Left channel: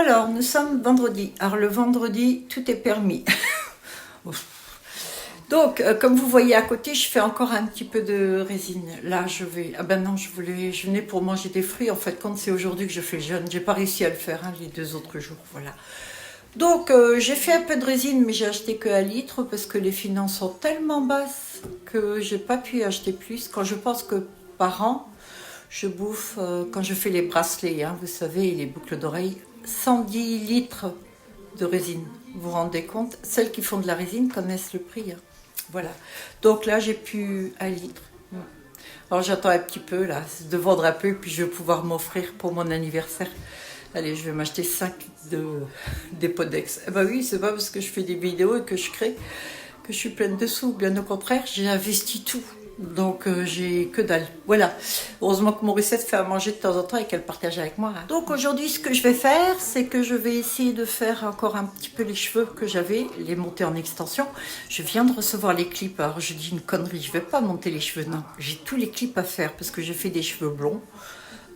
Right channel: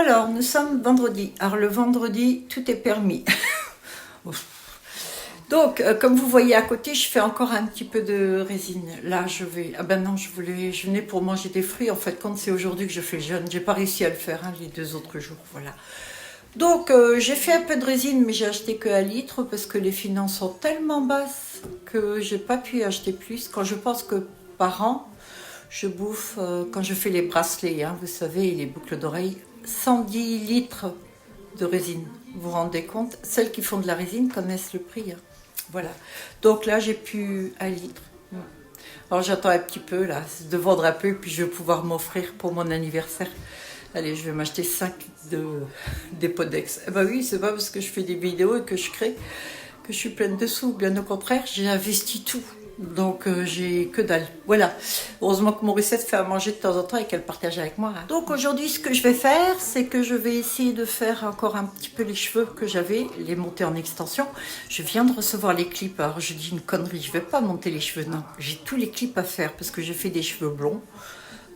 Alors, nous sommes vendredi. Alors, le vendredi, tout est permis. Donc, comme vous voyez à côté, je fais encore un petit peu de résine. Là, je vais... Ah ben non, je venais pour manger des fruits. En fait, quand c'est aujourd'hui que je fais le jeûne, j'ai pas réussi à le faire les 2 autres jours. Voilà. Donc, j'ai fait un peu de résine, mais j'ai acheté que 1 litre parce que les finances sont tellement basses que j'ai pas pu acheter plus. Quand je pense que par an, je bouffe, quand je fais les bracelets, hein, vous savez, et les boucles d'oreilles, 110 litres de résine. Vous vous rendez compte? Celles qui font de la résine connaissent le prix. Hein. Voilà. Donc là, j'ai pu 1 litre. Alors j'attends un petit peu là, de vendre un peu, puis je vais pouvoir m'offrir pour mon anniversaire. Allez, je vais m'acheter 5 des Podex. Eh ben oui, c'est pas parce que je fais des vidéos et que je crée que je suis pleine de sous. Bien au contraire, j'ai investi tout. Donc j'ai que dalle. Voilà. Heureusement que Morissette fait à manger de temps en temps et qu'elle partage avec moi. Hein. Donc aujourd'hui, ce que je vais faire, c'est que je vais essayer de faire encore un petit peu les cheveux que j'avais, les monter en extension. Je viens de recevoir les clips. Alors je dis une connerie, je vais pas monter les cheveux. Non, j'ai tous les clips à faire parce que j'ai fait des cheveux blonds.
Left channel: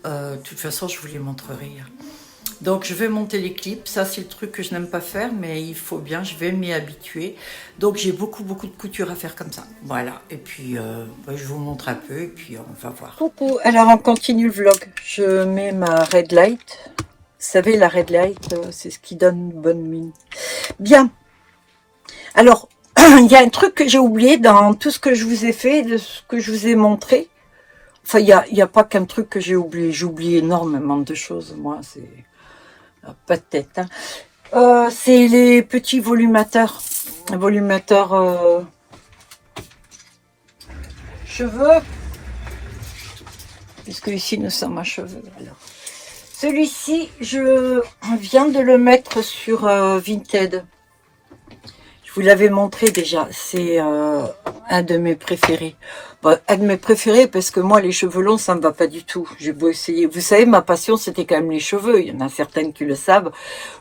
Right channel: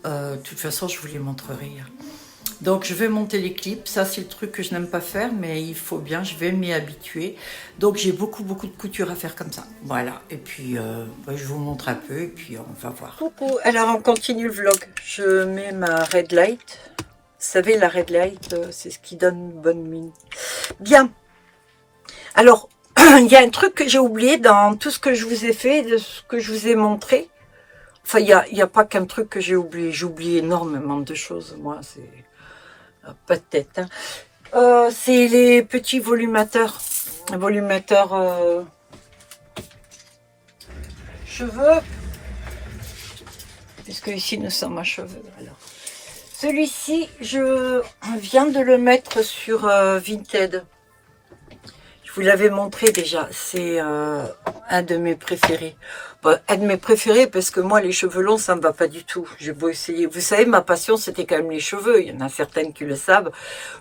De toute façon, je vous les montrerai. Donc je vais monter les clips, ça c'est le truc que je n'aime pas faire, mais il faut bien, je vais m'y habituer. Donc j'ai beaucoup de couture à faire comme ça. Voilà, et puis je vous montre un peu et puis on va voir. Coucou, alors on continue le vlog. Je mets ma red light. Vous savez, la red light, c'est ce qui donne une bonne mine. Bien, alors il y a un truc que j'ai oublié dans tout ce que je vous ai fait, de ce que je vous ai montré. Enfin, il y a pas qu'un truc que j'ai oublié. J'oublie énormément de choses, moi, c'est... Pas de tête. Hein. C'est les petits volumateurs. Volumateurs cheveux. Puisque ici nous sommes à cheveux. Celui-ci, je viens de le mettre sur Vinted. Je vous l'avais montré déjà. C'est un de mes préférés. Bon, un de mes préférés parce que moi, les cheveux longs, ça me va pas du tout. J'ai beau essayer. Vous savez, ma passion, c'était quand même les cheveux. Il y en a certaines qui le savent.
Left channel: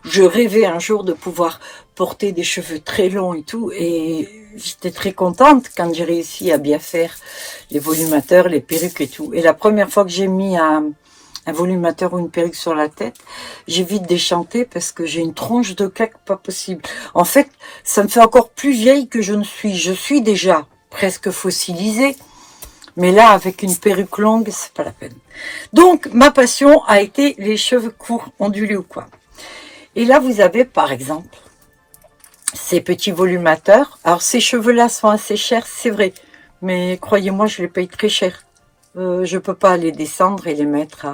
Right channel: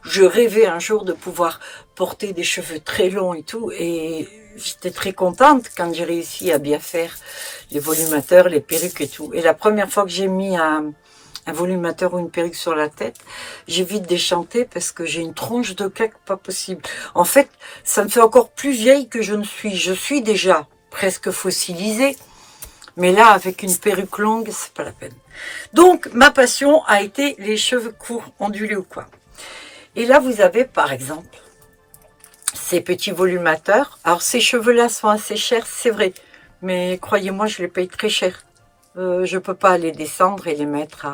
Je rêvais un jour de pouvoir porter des cheveux très longs et tout. Et j'étais très contente quand j'ai réussi à bien faire les volumateurs, les perruques et tout. Et la première fois que j'ai mis un volumateur ou une perruque sur la tête, j'ai vite déchanté parce que j'ai une tronche de caque pas possible. En fait, ça me fait encore plus vieille que je ne suis. Je suis déjà presque fossilisée. Mais là, avec une perruque longue, c'est pas la peine. Donc, ma passion a été les cheveux courts, ondulés ou quoi. Et là, vous avez, par exemple, ces petits volumateurs. Alors, ces cheveux-là sont assez chers, c'est vrai. Mais croyez-moi, je les paye très cher. Je peux pas les descendre et les mettre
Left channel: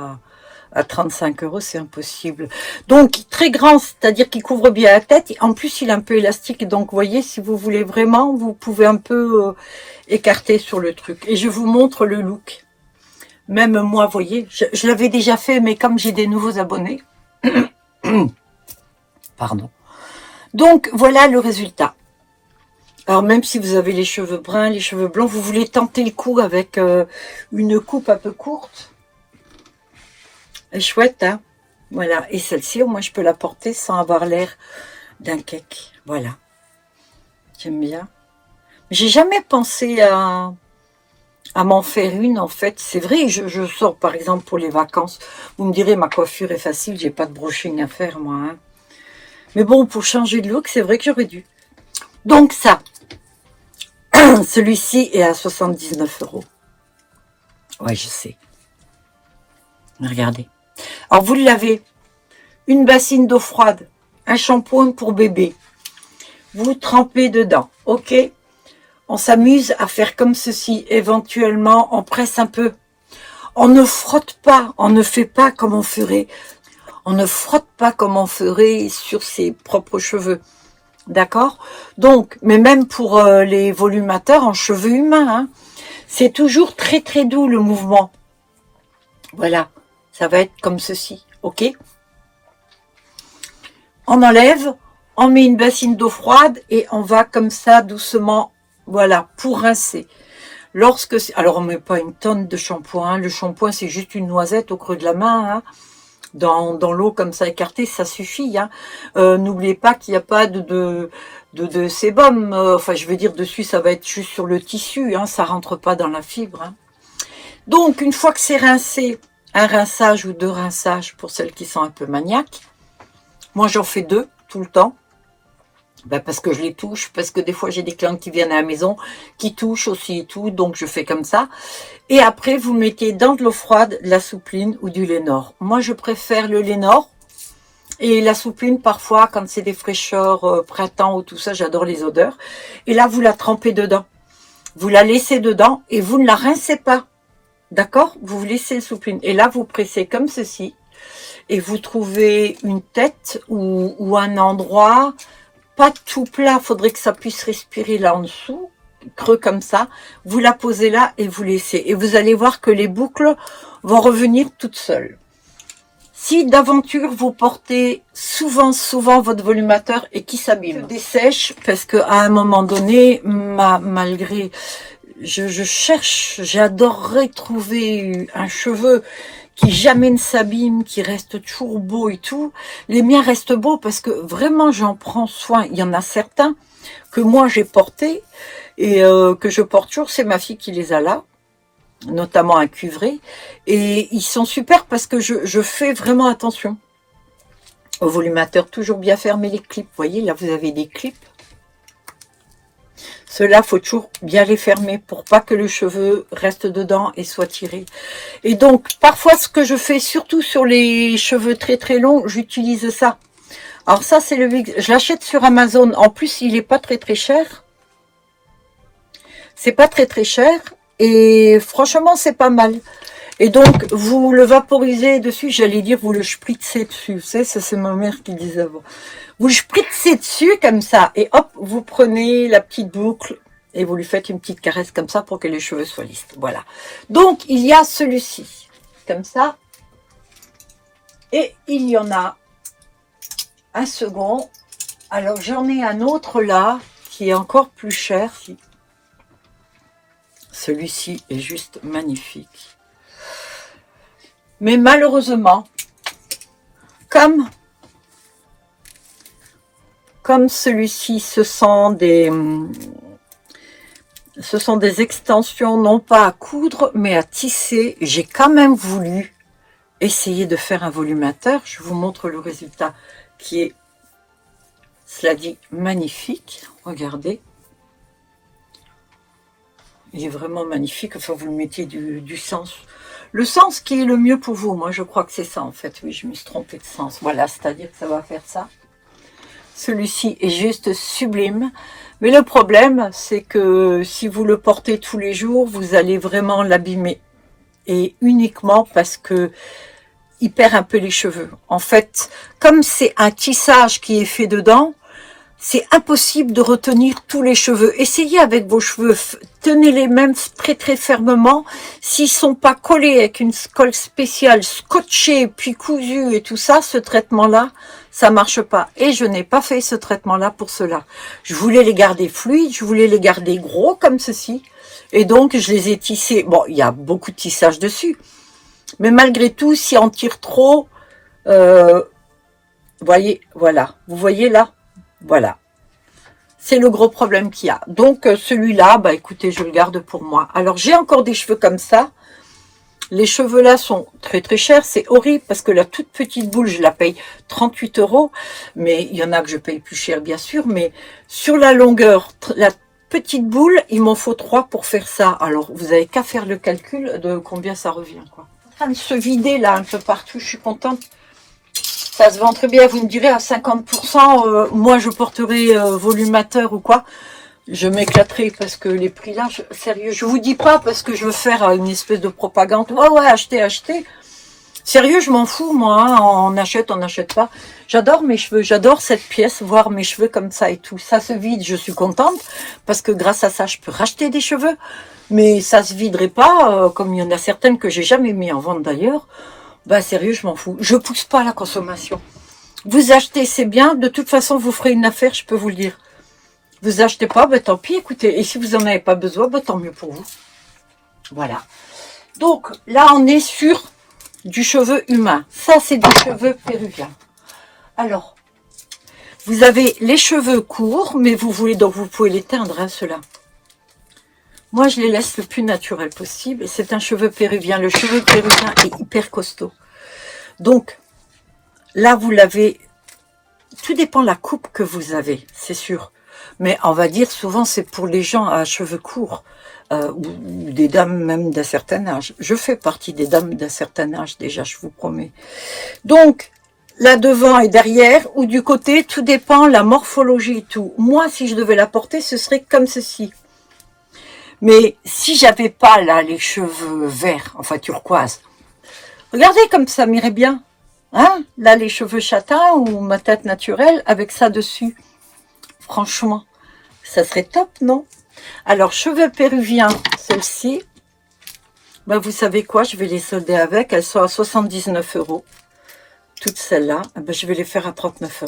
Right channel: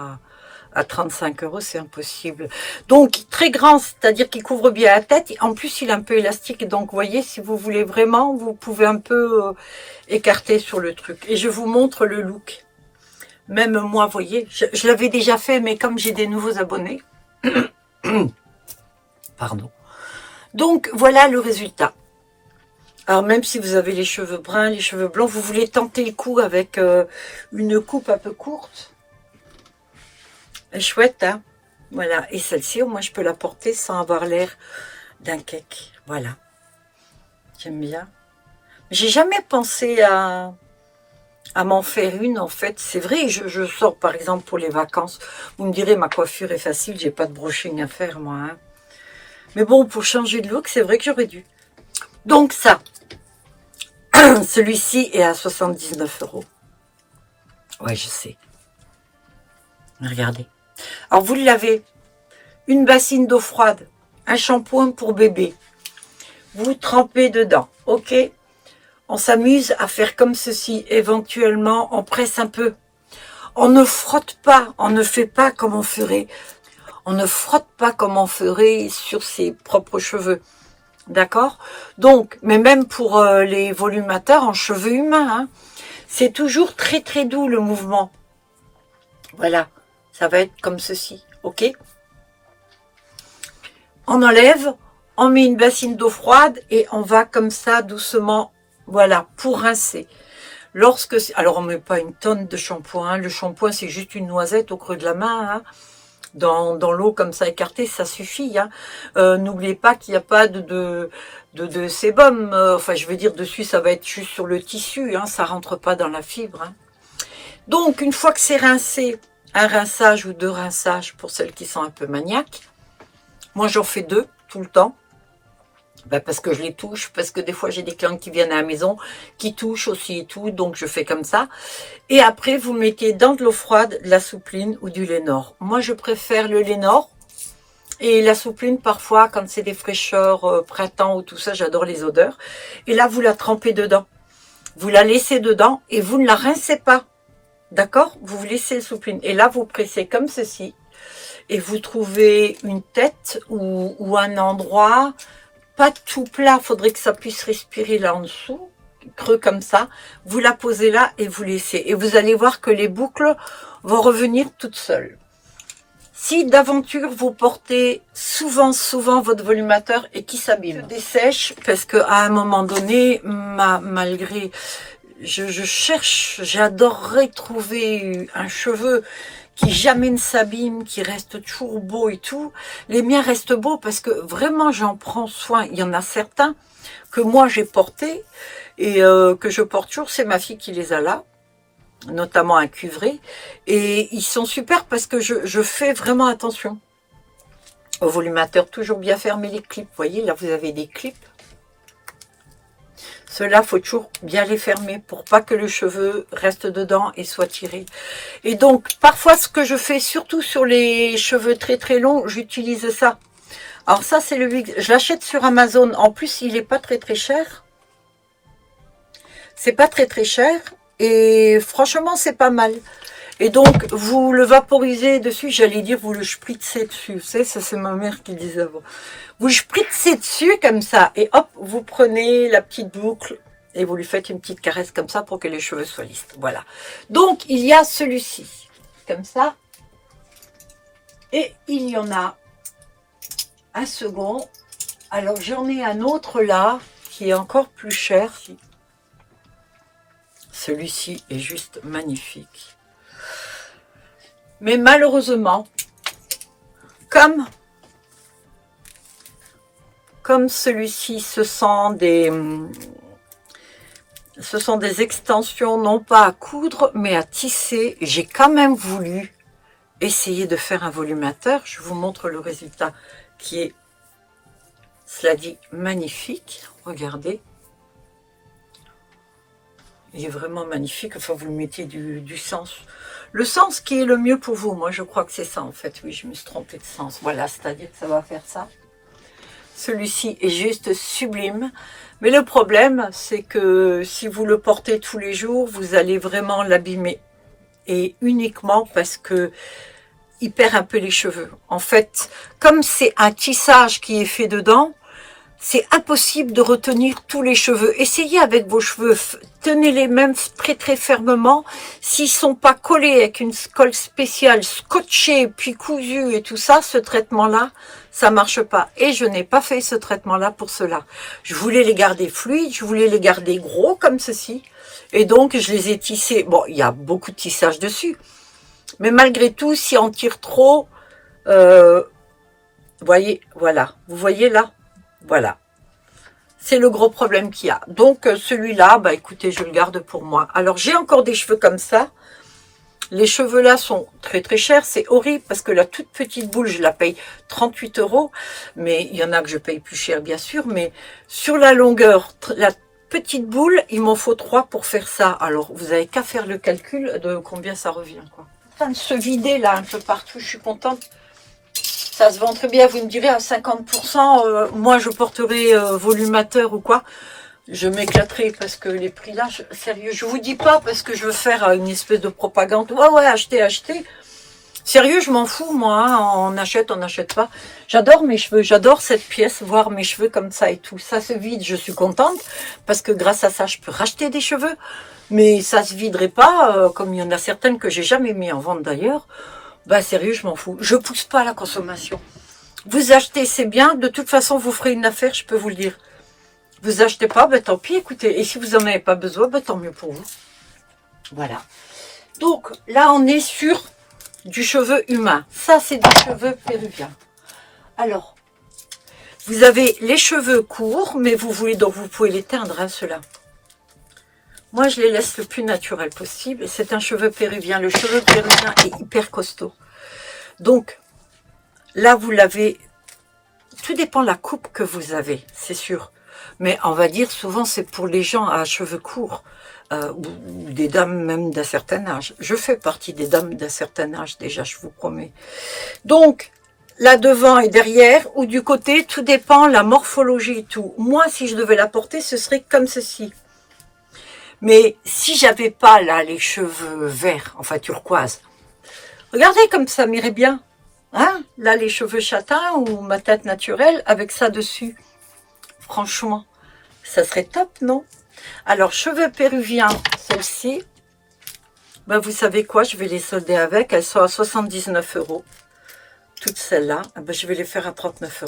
à 35 €, c'est impossible. Donc, très grand, c'est-à-dire qu'il couvre bien la tête. Et en plus, il est un peu élastique. Donc, vous voyez, si vous voulez vraiment, vous pouvez un peu écarter sur le truc. Et je vous montre le look. Même moi, vous voyez, je l'avais déjà fait, mais comme j'ai des nouveaux abonnés. Pardon. Donc, voilà le résultat. Alors, même si vous avez les cheveux bruns, les cheveux blonds, vous voulez tenter le coup avec une coupe un peu courte. Elle est chouette, hein. Voilà. Et celle-ci, au moins, je peux la porter sans avoir l'air d'un cake. Voilà. J'aime bien. J'ai jamais pensé à m'en faire une, en fait. C'est vrai, je sors, par exemple, pour les vacances. Vous me direz, ma coiffure est facile, j'ai pas de brushing à faire, moi. Hein. Mais bon, pour changer de look, c'est vrai que j'aurais dû. Donc, ça. Celui-ci est à 79 €. Ouais, je sais. Regardez. Alors, vous l'avez. Une bassine d'eau froide. Un shampoing pour bébé. Vous trempez dedans. OK? On s'amuse à faire comme ceci. Éventuellement, on presse un peu. On ne frotte pas. On ne fait pas comme on ferait. On ne frotte pas comme on ferait sur ses propres cheveux. D'accord? Donc, mais même pour les volumateurs en cheveux humains, hein, c'est toujours très très doux le mouvement. Voilà, ça va être comme ceci, ok? On enlève, on met une bassine d'eau froide et on va comme ça doucement, voilà, pour rincer. Alors on met pas une tonne de shampoing, hein, le shampoing c'est juste une noisette au creux de la main, hein. Dans l'eau comme ça écartée, ça suffit. Hein. N'oubliez pas qu'il n'y a pas de sébum. Enfin, je veux dire, dessus, ça va être juste sur le tissu. Hein, ça rentre pas dans la fibre. Hein. Donc, une fois que c'est rincé, un rinçage ou 2 rinçages pour celles qui sont un peu maniaques, Moi, j'en fais 2 tout le temps. Ben parce que je les touche, parce que des fois j'ai des clients qui viennent à la maison, qui touchent aussi et tout, donc je fais comme ça. Et après, vous mettez dans de l'eau froide, de la soupline ou du Lénore. Moi, je préfère le Lénore. Et la soupline, parfois, quand c'est des fraîcheurs, printemps ou tout ça, j'adore les odeurs. Et là, vous la trempez dedans. Vous la laissez dedans et vous ne la rincez pas. D'accord? Vous laissez le soupline. Et là, vous pressez comme ceci. Et vous trouvez une tête ou un endroit, pas tout plat, il faudrait que ça puisse respirer là en dessous, creux comme ça. Vous la posez là et vous laissez. Et vous allez voir que les boucles vont revenir toutes seules. Si d'aventure vous portez souvent votre volumateur et qui s'abîme, dessèche, parce que à un moment donné, malgré, je cherche, j'adorerais trouver un cheveu qui jamais ne s'abîme, qui reste toujours beau et tout. Les miens restent beaux parce que vraiment j'en prends soin. Il y en a certains que moi j'ai portés et que je porte toujours, c'est ma fille qui les a là, notamment un cuivré, et ils sont super parce que je fais vraiment attention au volumateur, toujours bien fermer les clips. Vous voyez, là vous avez des clips. Ceux-là, faut toujours bien les fermer pour pas que le cheveu reste dedans et soit tiré. Et donc, parfois, ce que je fais, surtout sur les cheveux très très longs, j'utilise ça. Alors ça, c'est le wig. Je l'achète sur Amazon. En plus, il est pas très très cher. C'est pas très très cher. Et franchement, c'est pas mal. Et donc, vous le vaporisez dessus. J'allais dire, vous le spritzez dessus. Vous savez, ça c'est ma mère qui disait avant. Vous le spritzez dessus comme ça. Et hop, vous prenez la petite boucle et vous lui faites une petite caresse comme ça pour que les cheveux soient lisses. Voilà. Donc, il y a celui-ci. Comme ça. Et il y en a un second. Alors, j'en ai un autre là qui est encore plus cher. Celui-ci est juste magnifique. Mais malheureusement, comme celui-ci, ce sont des extensions non pas à coudre, mais à tisser. J'ai quand même voulu essayer de faire un volumateur. Je vous montre le résultat qui est, cela dit, magnifique. Regardez. Il est vraiment magnifique. Enfin, vous le mettez du sens. Le sens qui est le mieux pour vous. Moi, je crois que c'est ça, en fait. Oui, je me suis trompée de sens. Voilà, c'est-à-dire que ça va faire ça. Celui-ci est juste sublime. Mais le problème, c'est que si vous le portez tous les jours, vous allez vraiment l'abîmer. Et uniquement parce que il perd un peu les cheveux. En fait, comme c'est un tissage qui est fait dedans, c'est impossible de retenir tous les cheveux. Essayez avec vos cheveux, tenez-les même très très fermement. S'ils sont pas collés avec une colle spéciale, scotchée, puis cousus et tout ça, ce traitement-là, ça marche pas. Et je n'ai pas fait ce traitement-là pour cela. Je voulais les garder fluides, je voulais les garder gros comme ceci. Et donc, je les ai tissés. Bon, il y a beaucoup de tissage dessus. Mais malgré tout, si on tire trop, voyez, voilà. Vous voyez là? Voilà, c'est le gros problème qu'il y a. Donc celui-là, bah écoutez, je le garde pour moi. Alors j'ai encore des cheveux comme ça. Les cheveux là sont très très chers. C'est horrible parce que la toute petite boule, je la paye 38 €. Mais il y en a que je paye plus cher bien sûr. Mais sur la longueur, la petite boule, il m'en faut 3 pour faire ça. Alors vous avez qu'à faire le calcul de combien ça revient, quoi. En train de se vider là un peu partout, je suis contente. Ça se vend très bien, vous me direz à 50%, moi je porterai volumateur ou quoi, je m'éclaterai parce que les prix là, sérieux, je vous dis pas parce que je veux faire une espèce de propagande, ouais, achetez, sérieux, je m'en fous moi, hein, on achète pas, j'adore mes cheveux, j'adore cette pièce, voir mes cheveux comme ça et tout, ça se vide, je suis contente, parce que grâce à ça, je peux racheter des cheveux, mais ça se viderait pas, comme il y en a certaines que j'ai jamais mis en vente d'ailleurs. Bah sérieux, je m'en fous. Je pousse pas la consommation. Vous achetez, c'est bien. De toute façon, vous ferez une affaire, je peux vous le dire. Vous achetez pas, bah tant pis, écoutez. Et si vous en avez pas besoin, bah tant mieux pour vous. Voilà. Donc, là, on est sur du cheveu humain. Ça, c'est du cheveu péruvien. Alors, vous avez les cheveux courts, mais vous voulez, donc vous pouvez les teindre, hein, ceux-là. Moi, je les laisse le plus naturel possible. C'est un cheveu péruvien. Le cheveu péruvien est hyper costaud. Donc, là, vous l'avez tout dépend de la coupe que vous avez, c'est sûr. Mais on va dire souvent c'est pour les gens à cheveux courts, ou des dames même d'un certain âge. Je fais partie des dames d'un certain âge déjà, je vous promets. Donc, là devant et derrière, ou du côté, tout dépend la morphologie et tout. Moi, si je devais la porter, ce serait comme ceci. Mais si j'avais pas là les cheveux verts, enfin turquoise, regardez comme ça m'irait bien. Hein, là, les cheveux châtains ou ma tête naturelle avec ça dessus. Franchement, ça serait top, non? Alors, cheveux péruviens, celle-ci, ben, vous savez quoi, je vais les solder avec. Elles sont à 79 €. Toutes celles-là, ben, je vais les faire à 39 €.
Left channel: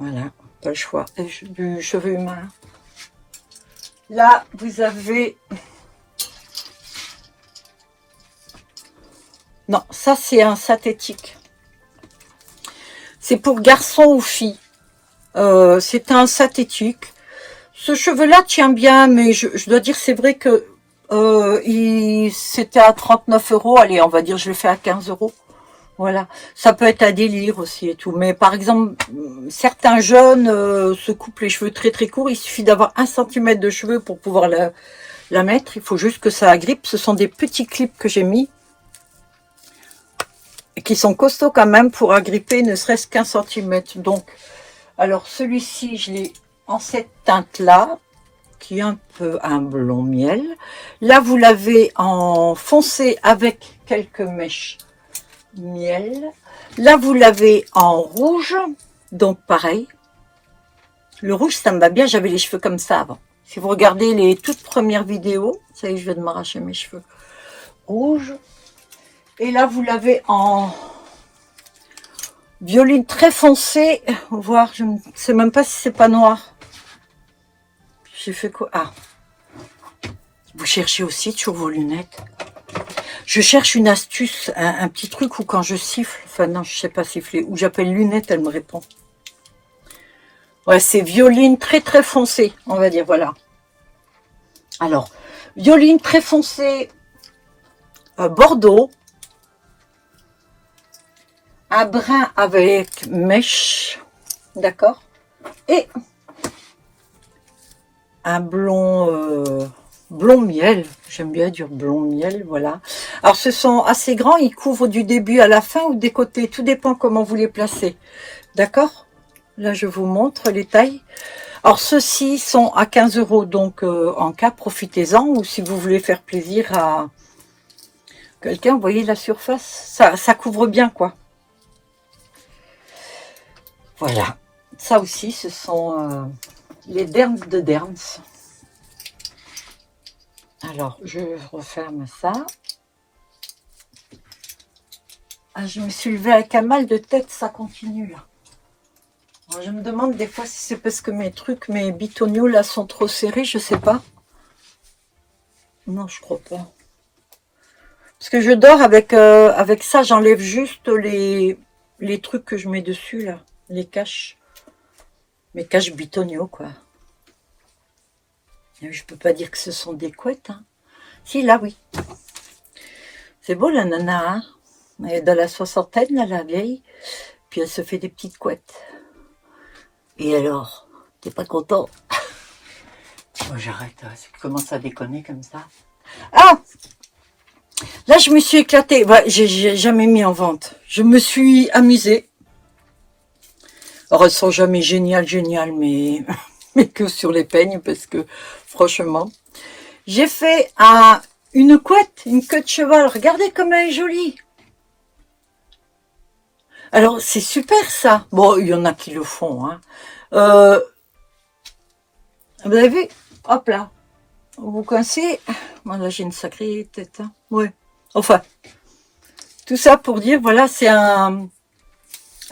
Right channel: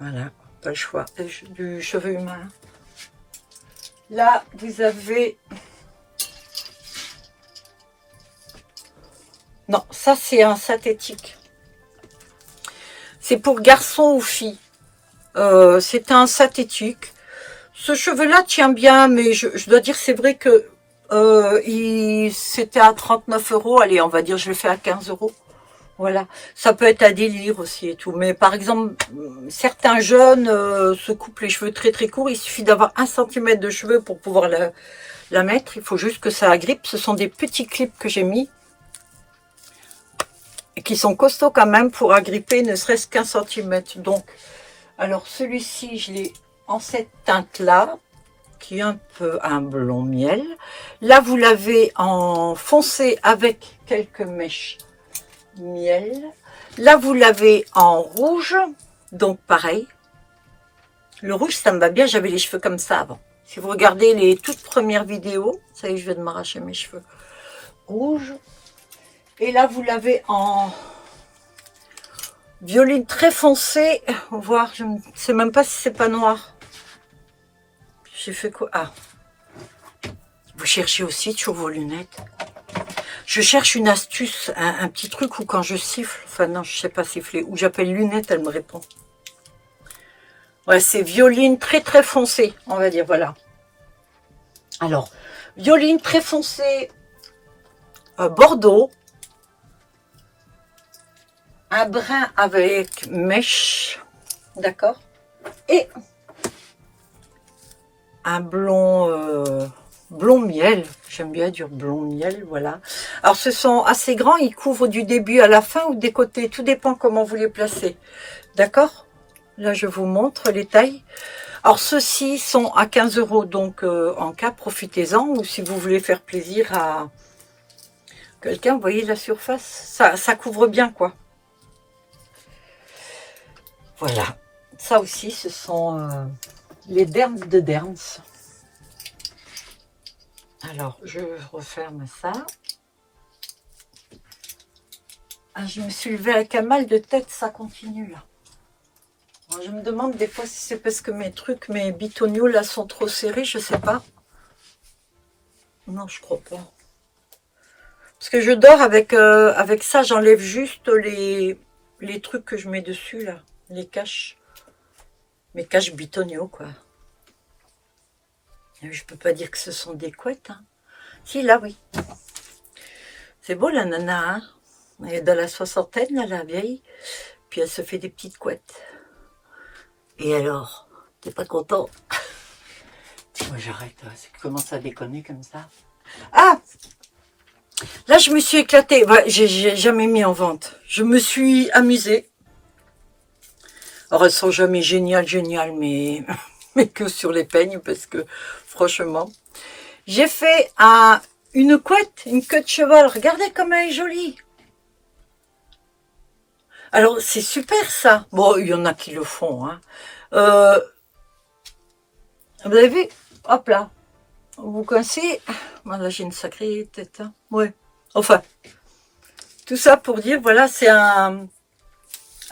Voilà, pas le choix. Et du cheveu humain. Là, vous avez... Non, ça, c'est un synthétique. C'est pour garçon ou fille. C'est un synthétique. Ce cheveu-là tient bien, mais je dois dire, c'est vrai que c'était à 39 €. Allez, on va dire, je le fais à 15 €. Voilà. Ça peut être un délire aussi et tout. Mais par exemple, certains jeunes se coupent les cheveux très très courts. Il suffit d'avoir 1 centimètre de cheveux pour pouvoir la mettre. Il faut juste que ça agrippe. Ce sont des petits clips que j'ai mis, qui sont costauds quand même pour agripper ne serait-ce qu'1 centimètre. Donc, alors celui-ci, je l'ai en cette teinte-là, qui est un peu un blond miel. Là, vous l'avez en foncé avec quelques mèches miel. Là, vous l'avez en rouge, donc pareil. Le rouge, ça me va bien, j'avais les cheveux comme ça avant. Si vous regardez les toutes premières vidéos, ça y est, je viens de m'arracher mes cheveux. Rouge. Et là, vous l'avez en violine très foncé, voire je ne sais même pas si c'est pas noir. J'ai fait quoi? Ah, vous cherchez aussi toujours vos lunettes. Je cherche une astuce, un petit truc où quand je siffle, enfin non, je sais pas siffler, où j'appelle lunette, elle me répond. Ouais, c'est violine très très foncé, on va dire, voilà. Alors, violine très foncé, bordeaux. Un brun avec mèche, d'accord, et un blond, blond miel, j'aime bien dire blond miel, voilà. Alors ce sont assez grands, ils couvrent du début à la fin ou des côtés, tout dépend comment vous les placez, d'accord. Là je vous montre les tailles. Alors ceux-ci sont à 15 €, donc en cas profitez-en, ou si vous voulez faire plaisir à quelqu'un, vous voyez la surface, ça couvre bien quoi. Voilà, ça aussi, ce sont les dermes de Derms. Alors, je referme ça. Ah, je me suis levée avec un mal de tête, ça continue là. Alors, je me demande des fois si c'est parce que mes bitoniaux là sont trop serrés, je sais pas. Non, je crois pas. Parce que je dors avec ça, j'enlève juste les trucs que je mets dessus là. Les caches, mes caches bitoniaux quoi. Je peux pas dire que ce sont des couettes, hein. Si, là oui, c'est beau la nana, hein. Elle est dans la soixantaine là, la vieille, puis elle se fait des petites couettes. Et alors, t'es pas content? Moi j'arrête, c'est que commence à déconner comme ça. Ah, là je me suis éclatée, ouais, j'ai jamais mis en vente, je me suis amusée. Alors, elles sont jamais géniales, mais que sur les peignes, parce que, franchement, j'ai fait une couette, une queue de cheval. Regardez comme elle est jolie. Alors, c'est super, ça. Bon, il y en a qui le font, hein. Vous avez vu? Hop là. Vous coincez. Moi, là, j'ai une sacrée tête, hein. Ouais. Enfin, tout ça pour dire, voilà, c'est un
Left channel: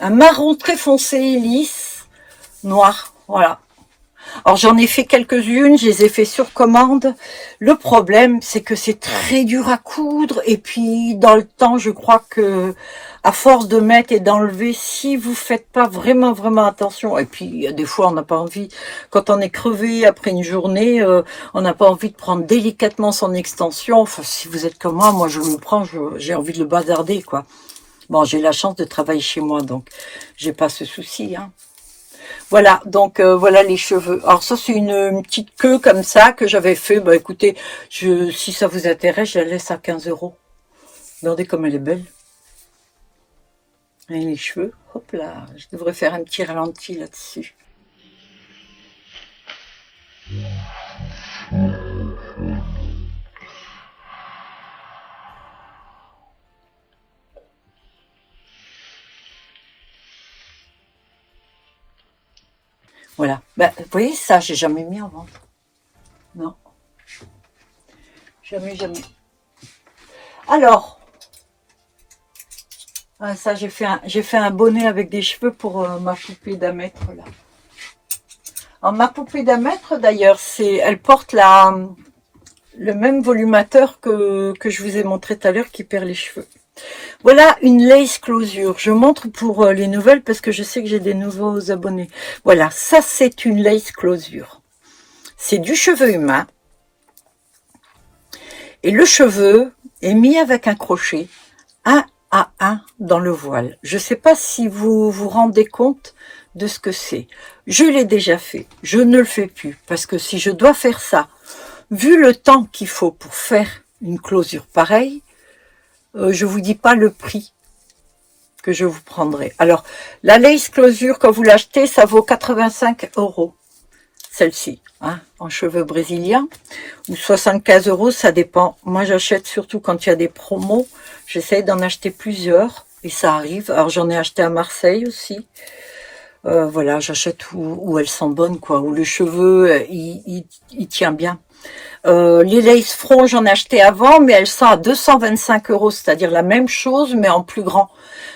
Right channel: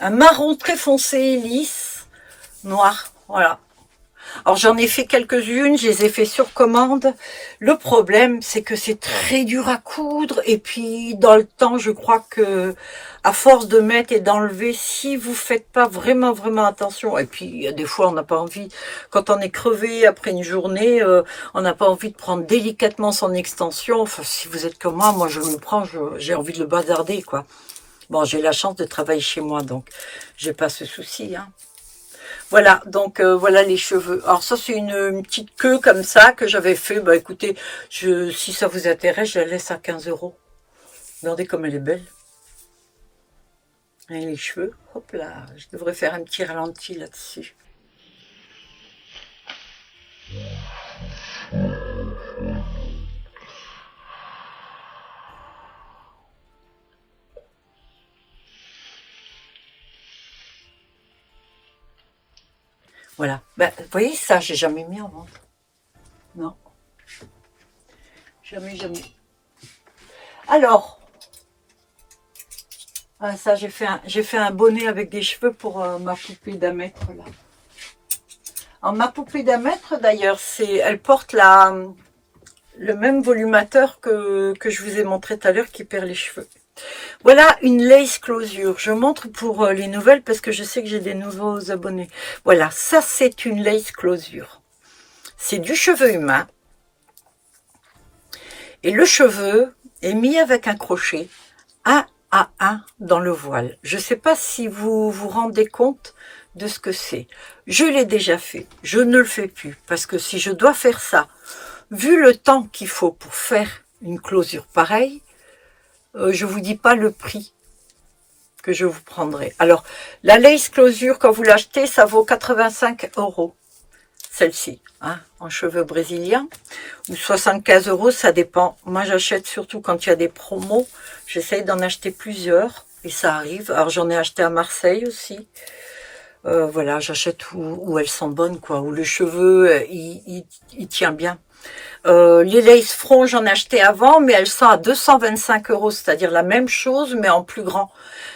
marron très foncé, lisse, noir, voilà. Alors j'en ai fait quelques-unes, je les ai fait sur commande. Le problème, c'est que c'est très dur à coudre, et puis dans le temps, je crois que à force de mettre et d'enlever, si vous faites pas vraiment attention, et puis des fois on n'a pas envie, quand on est crevé après une journée, on n'a pas envie de prendre délicatement son extension. Enfin, si vous êtes comme moi je le prends, j'ai envie de le bazarder quoi. Bon, j'ai la chance de travailler chez moi, donc j'ai pas ce souci, hein. Voilà, donc voilà les cheveux. Alors ça, c'est une petite queue comme ça que j'avais fait. Bah écoutez, si ça vous intéresse, je la laisse à 15 €. Regardez comme elle est belle. Et les cheveux, hop là, je devrais faire un petit ralenti là-dessus. Voilà. Ben, vous voyez, ça, j'ai jamais mis avant. Non. Jamais, jamais. Alors, ça, j'ai fait un bonnet avec des cheveux pour ma poupée d'Amètre, là. Alors, ma poupée d'Amètre, d'ailleurs, elle porte le même volumateur que je vous ai montré tout à l'heure qui perd les cheveux. Voilà une lace closure. Je montre pour les nouvelles parce que je sais que j'ai des nouveaux abonnés. Voilà, ça c'est une lace closure. C'est du cheveu humain. Et le cheveu est mis avec un crochet, 1 à 1 dans le voile. Je ne sais pas si vous vous rendez compte de ce que c'est. Je l'ai déjà fait. Je ne le fais plus parce que si je dois faire ça, vu le temps qu'il faut pour faire une closure pareille, je vous dis pas le prix que je vous prendrai. Alors, la lace closure, quand vous l'achetez, ça vaut 85 €. Celle-ci, hein, en cheveux brésiliens, ou 75 €, ça dépend. Moi, j'achète surtout quand il y a des promos. J'essaye d'en acheter plusieurs, et ça arrive. Alors, j'en ai acheté à Marseille aussi. Voilà, j'achète où elles sont bonnes, quoi, où le cheveu, il tient bien. Les lace front, j'en ai acheté avant, mais elles sont à 225 €, c'est-à-dire la même chose, mais en plus grand.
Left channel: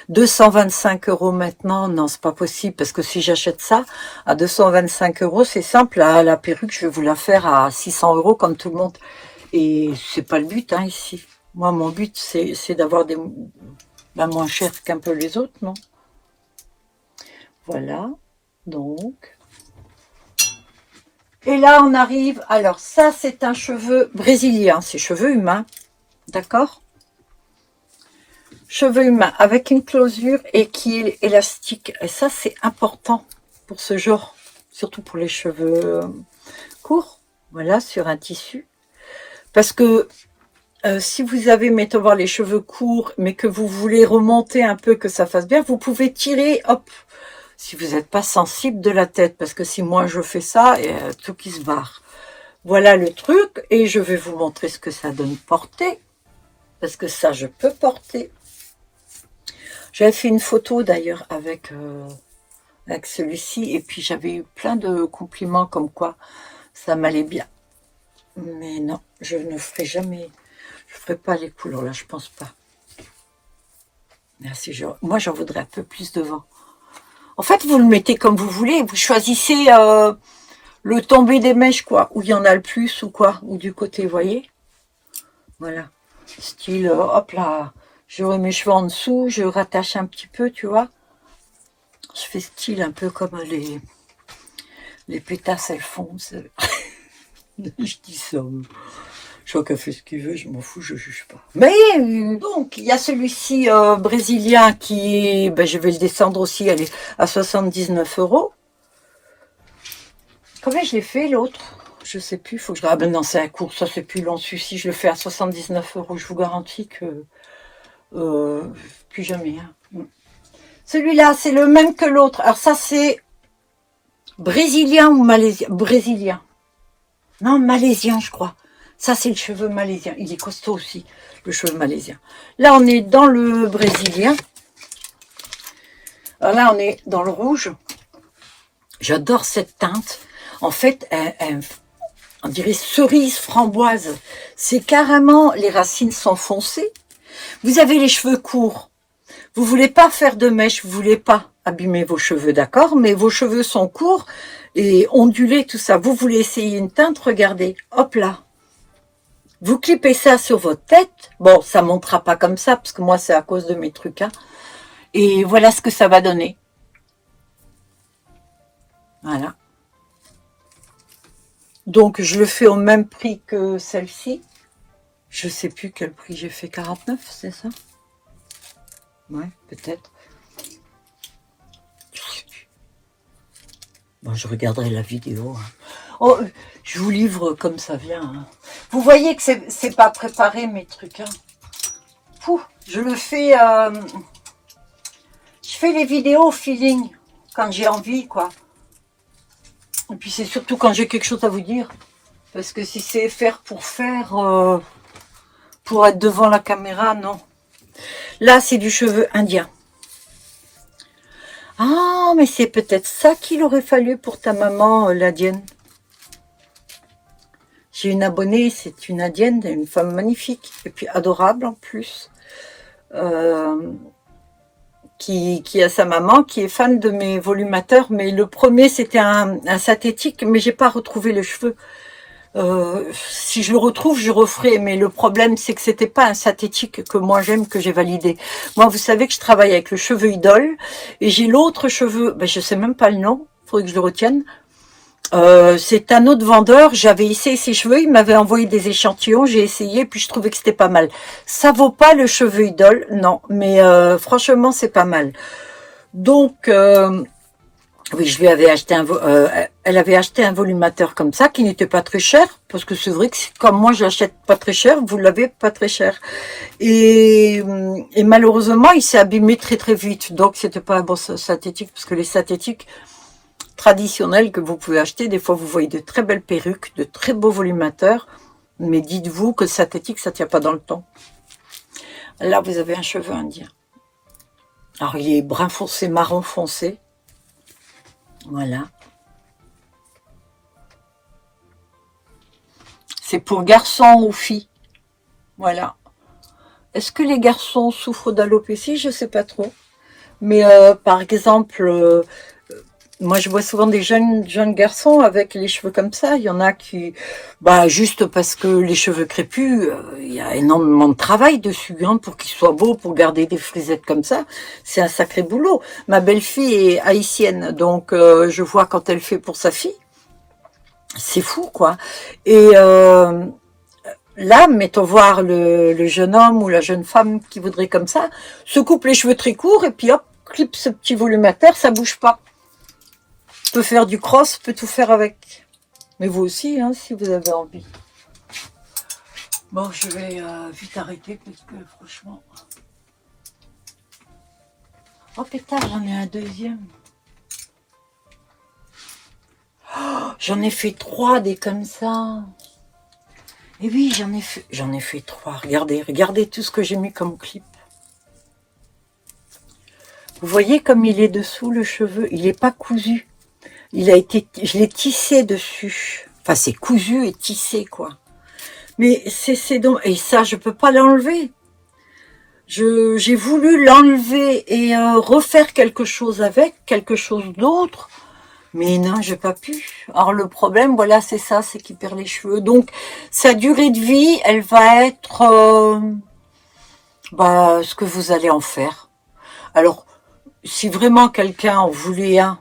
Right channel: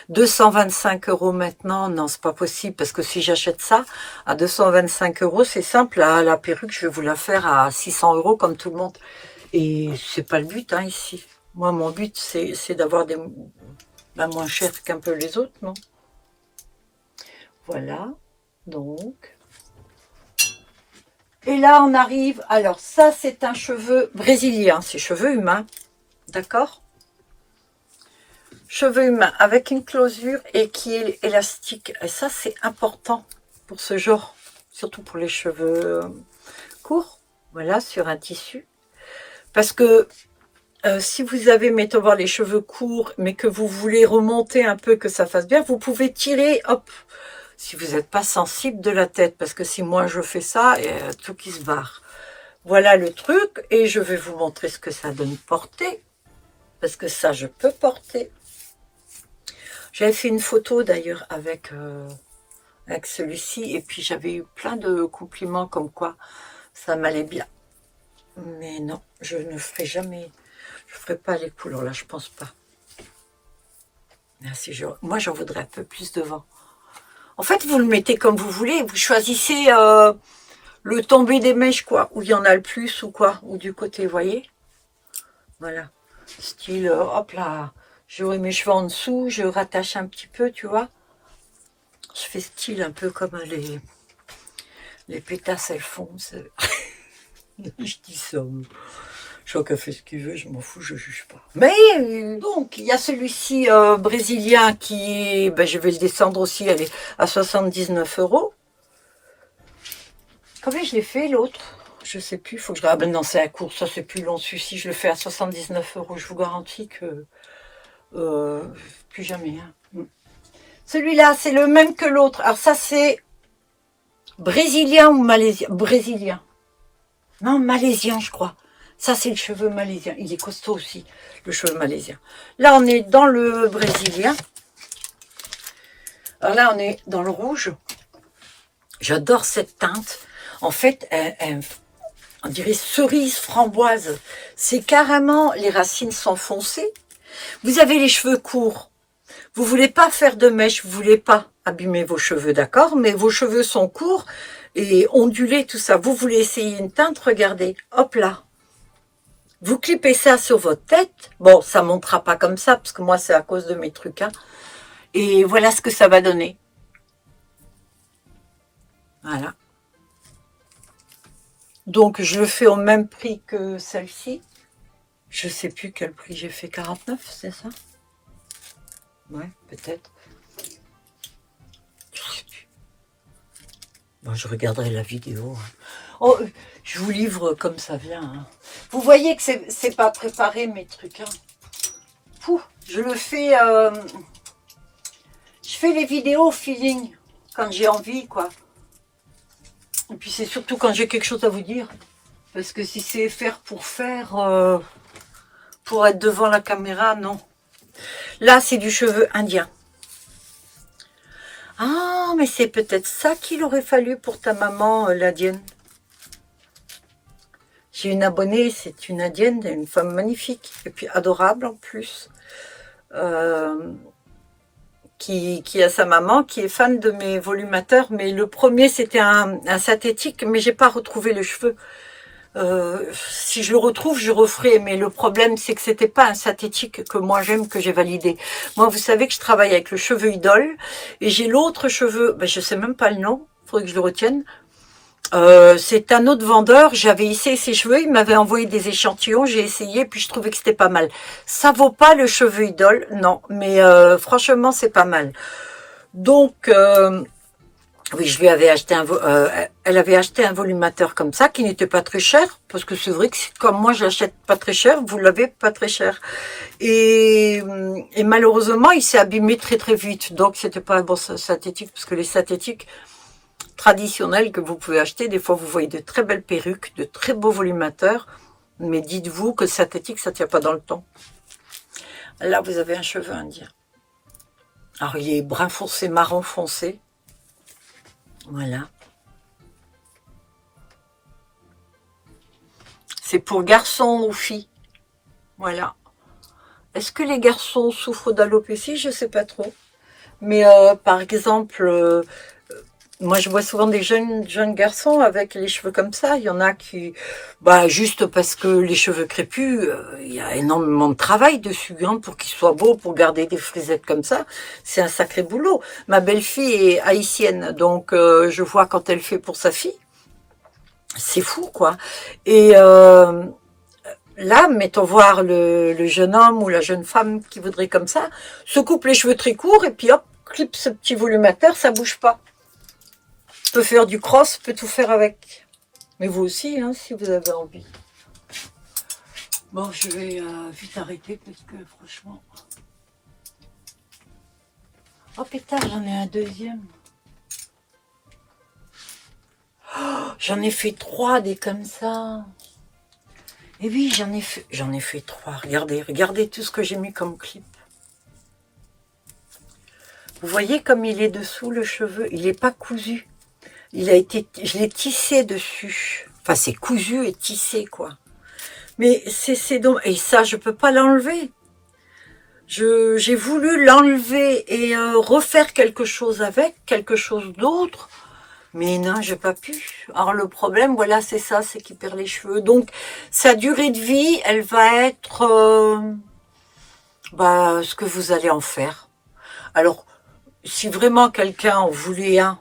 225 € maintenant, non, c'est pas possible, parce que si j'achète ça à 225 €, c'est simple, la perruque, je vais vous la faire à 600 € comme tout le monde. Et c'est pas le but, hein, ici. Moi, mon but, c'est d'avoir des moins chères qu'un peu les autres, non? Voilà, donc... Et là, on arrive, alors ça, c'est un cheveu brésilien, c'est cheveux humains, d'accord? Cheveux humains avec une closure et qui est élastique. Et ça, c'est important pour ce genre, surtout pour les cheveux courts, voilà, sur un tissu. Parce que si vous avez, mettons voir, les cheveux courts, mais que vous voulez remonter un peu, que ça fasse bien, vous pouvez tirer, hop, si vous n'êtes pas sensible de la tête, parce que si moi je fais ça, tout qui se barre. Voilà le truc, et je vais vous montrer ce que ça donne porter, parce que ça je peux porter. J'avais fait une photo d'ailleurs avec celui-ci, et puis j'avais eu plein de compliments comme quoi ça m'allait bien. Mais non, je ne ferai jamais, je ferai pas les couleurs là, je pense pas. Là, moi j'en voudrais un peu plus devant. En fait, vous le mettez comme vous voulez. Vous choisissez le tombé des mèches, quoi. Où il y en a le plus, ou quoi. Ou du côté, vous voyez. Voilà. Style, hop là. Je remets mes cheveux en dessous. Je rattache un petit peu, tu vois. Je fais style un peu comme les pétasses, elles font. Je dis ça. Chacun fait ce qu'il veut, je m'en fous, je juge pas. Mais donc, il y a celui-ci brésilien qui, je vais le descendre aussi, elle est à 79 €. Combien je l'ai fait l'autre? Je sais plus, il faut que je... Ah ben non, c'est un cours, ça c'est plus long. Celui-ci, je le fais à 79 €. Je vous garantis que plus jamais. Hein. Celui-là, c'est le même que l'autre. Alors ça, c'est brésilien ou malaisien? Brésilien. Non, malaisien, je crois. Ça, c'est le cheveu malaisien. Il est costaud aussi, le cheveu malaisien. Là, on est dans le brésilien. Alors là, on est dans le rouge. J'adore cette teinte. En fait, on dirait cerise framboise. C'est carrément, les racines sont foncées. Vous avez les cheveux courts. Vous voulez pas faire de mèches, vous voulez pas abîmer vos cheveux, d'accord? Mais vos cheveux sont courts et ondulés, tout ça. Vous voulez essayer une teinte, regardez. Hop là. Vous clipez ça sur votre tête. Bon, ça ne montera pas comme ça, parce que moi, c'est à cause de mes trucs. Hein. Et voilà ce que ça va donner. Voilà. Donc, je le fais au même prix que celle-ci. Je ne sais plus quel prix j'ai fait. 49, c'est ça? Ouais, peut-être. Je sais plus. Bon, je regarderai la vidéo. Hein. Oh, je vous livre comme ça vient. Hein. Vous voyez que c'est pas préparé mes trucs. Hein. Pouh, je le fais... je fais les vidéos au feeling, quand j'ai envie, quoi. Et puis c'est surtout quand j'ai quelque chose à vous dire. Parce que si c'est faire, pour être devant la caméra, non. Là, c'est du cheveu indien. Ah, mais c'est peut-être ça qu'il aurait fallu pour ta maman, l'indienne. J'ai une abonnée, c'est une indienne, une femme magnifique, et puis adorable en plus. Qui a sa maman, qui est fan de mes volumateurs, mais le premier c'était un synthétique, mais j'ai pas retrouvé le cheveu. Si je le retrouve, je referai, mais le problème c'est que c'était pas un synthétique que moi j'aime, que j'ai validé. Moi, vous savez que je travaille avec le cheveu idole, et j'ai l'autre cheveu, ben, je sais même pas le nom, faudrait que je le retienne. C'est un autre vendeur, j'avais essayé ses cheveux, il m'avait envoyé des échantillons, j'ai essayé, puis je trouvais que c'était pas mal. Ça vaut pas le cheveu idole, non, mais franchement c'est pas mal. Donc, oui, je lui avais acheté elle avait acheté un volumateur comme ça, qui n'était pas très cher, parce que c'est vrai que comme moi je l'achète pas très cher, vous l'avez pas très cher. Et malheureusement, il s'est abîmé très très vite, donc c'était pas un bon synthétique, parce que les synthétiques traditionnels que vous pouvez acheter, des fois vous voyez de très belles perruques, de très beaux volumateurs, mais dites-vous que synthétique ça tient pas dans le temps. Là vous avez un cheveu indien. Alors il est brun foncé, marron foncé, voilà. C'est pour garçons ou filles, voilà. Est-ce que les garçons souffrent d'alopécie? Je sais pas trop, mais par exemple moi, je vois souvent des jeunes garçons avec les cheveux comme ça. Il y en a qui, bah, juste parce que les cheveux crépus, il y a énormément de travail dessus, hein, pour qu'ils soient beaux, pour garder des frisettes comme ça. C'est un sacré boulot. Ma belle-fille est haïtienne, donc je vois quand elle fait pour sa fille. C'est fou, quoi. Et là, mettons voir le jeune homme ou la jeune femme qui voudrait comme ça, se coupe les cheveux très courts et puis hop, clip ce petit volumataire, ça bouge pas. Peut faire du cross, peut tout faire avec. Mais vous aussi, hein, si vous avez envie. Bon, je vais vite arrêter parce que franchement... Oh pétard, j'en ai un deuxième. Oh, j'en ai fait 3 des comme ça. Et oui, j'en ai fait 3. Regardez tout ce que j'ai mis comme clip. Vous voyez comme il est dessous le cheveu, il n'est pas cousu. Je l'ai tissé dessus. Enfin, c'est cousu et tissé, quoi. Mais c'est donc... Et ça, je peux pas l'enlever. J'ai voulu l'enlever et refaire quelque chose avec, quelque chose d'autre. Mais non, j'ai pas pu. Alors, le problème, voilà, c'est ça, c'est qu'il perd les cheveux. Donc, sa durée de vie, elle va être... ce que vous allez en faire. Alors, si vraiment quelqu'un en voulait un,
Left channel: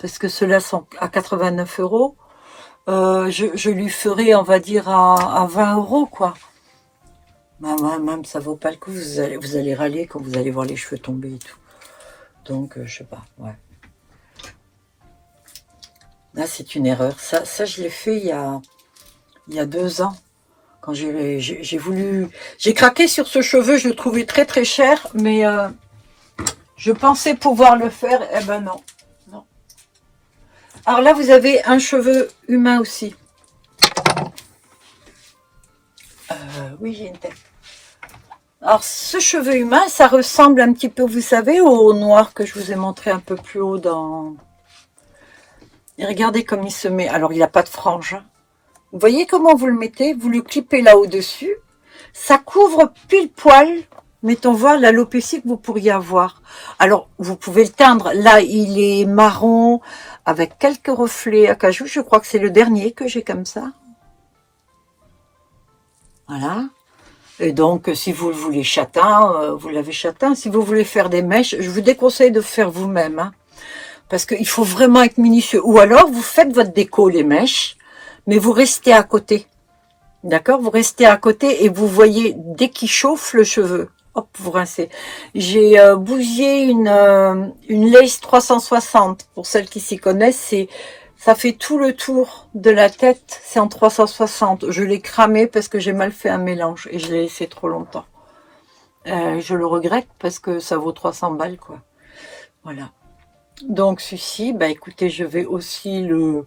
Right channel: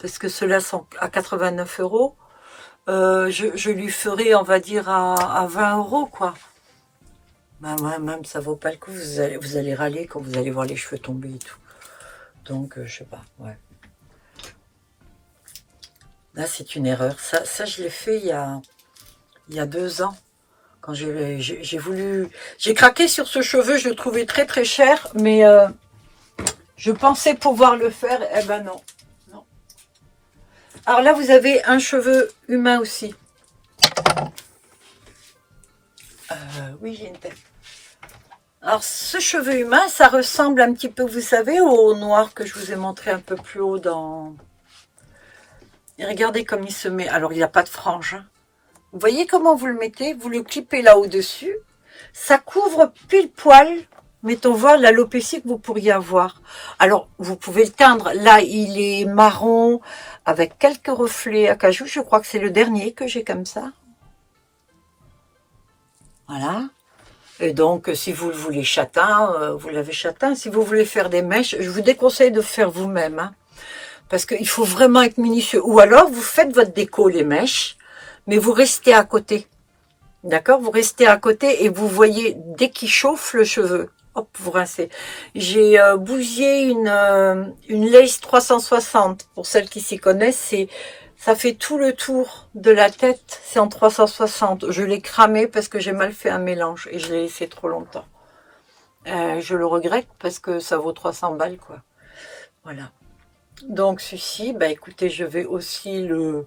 parce que ceux-là sont à 89 €, je lui ferai, on va dire, à 20 €, quoi. Bah, même, ça vaut pas le coup, vous allez râler quand vous allez voir les cheveux tomber et tout. Donc, je sais pas, ouais. Là, c'est une erreur. Ça je l'ai fait il y a 2 ans. Quand j'ai voulu... J'ai craqué sur ce cheveu, je le trouvais très très cher, mais je pensais pouvoir le faire, eh ben non. Alors là, vous avez un cheveu humain aussi. Oui, j'ai une tête. Alors, ce cheveu humain, ça ressemble un petit peu, vous savez, au noir que je vous ai montré un peu plus haut dans... Et regardez comme il se met. Alors, il n'a pas de frange. Vous voyez comment vous le mettez? Vous le clippez là au-dessus. Ça couvre pile poil, mettons voir l'alopécie que vous pourriez avoir. Alors, vous pouvez le teindre. Là, il est marron avec quelques reflets acajou. Je crois que c'est le dernier que j'ai comme ça. Voilà. Et donc, si vous le voulez châtain, vous l'avez châtain. Si vous voulez faire des mèches, je vous déconseille de faire vous-même. Hein, parce qu'il faut vraiment être minutieux. Ou alors, vous faites votre déco, les mèches, mais vous restez à côté. D'accord? Vous restez à côté et vous voyez, dès qu'il chauffe le cheveu, hop, vous rincez. J'ai bousillé une lace 360, pour celles qui s'y connaissent, ça fait tout le tour de la tête, c'est en 360. Je l'ai cramé parce que j'ai mal fait un mélange et je l'ai laissé trop longtemps. Je le regrette parce que ça vaut 300 balles, quoi. Voilà. Donc, celui-ci, bah écoutez, je vais aussi le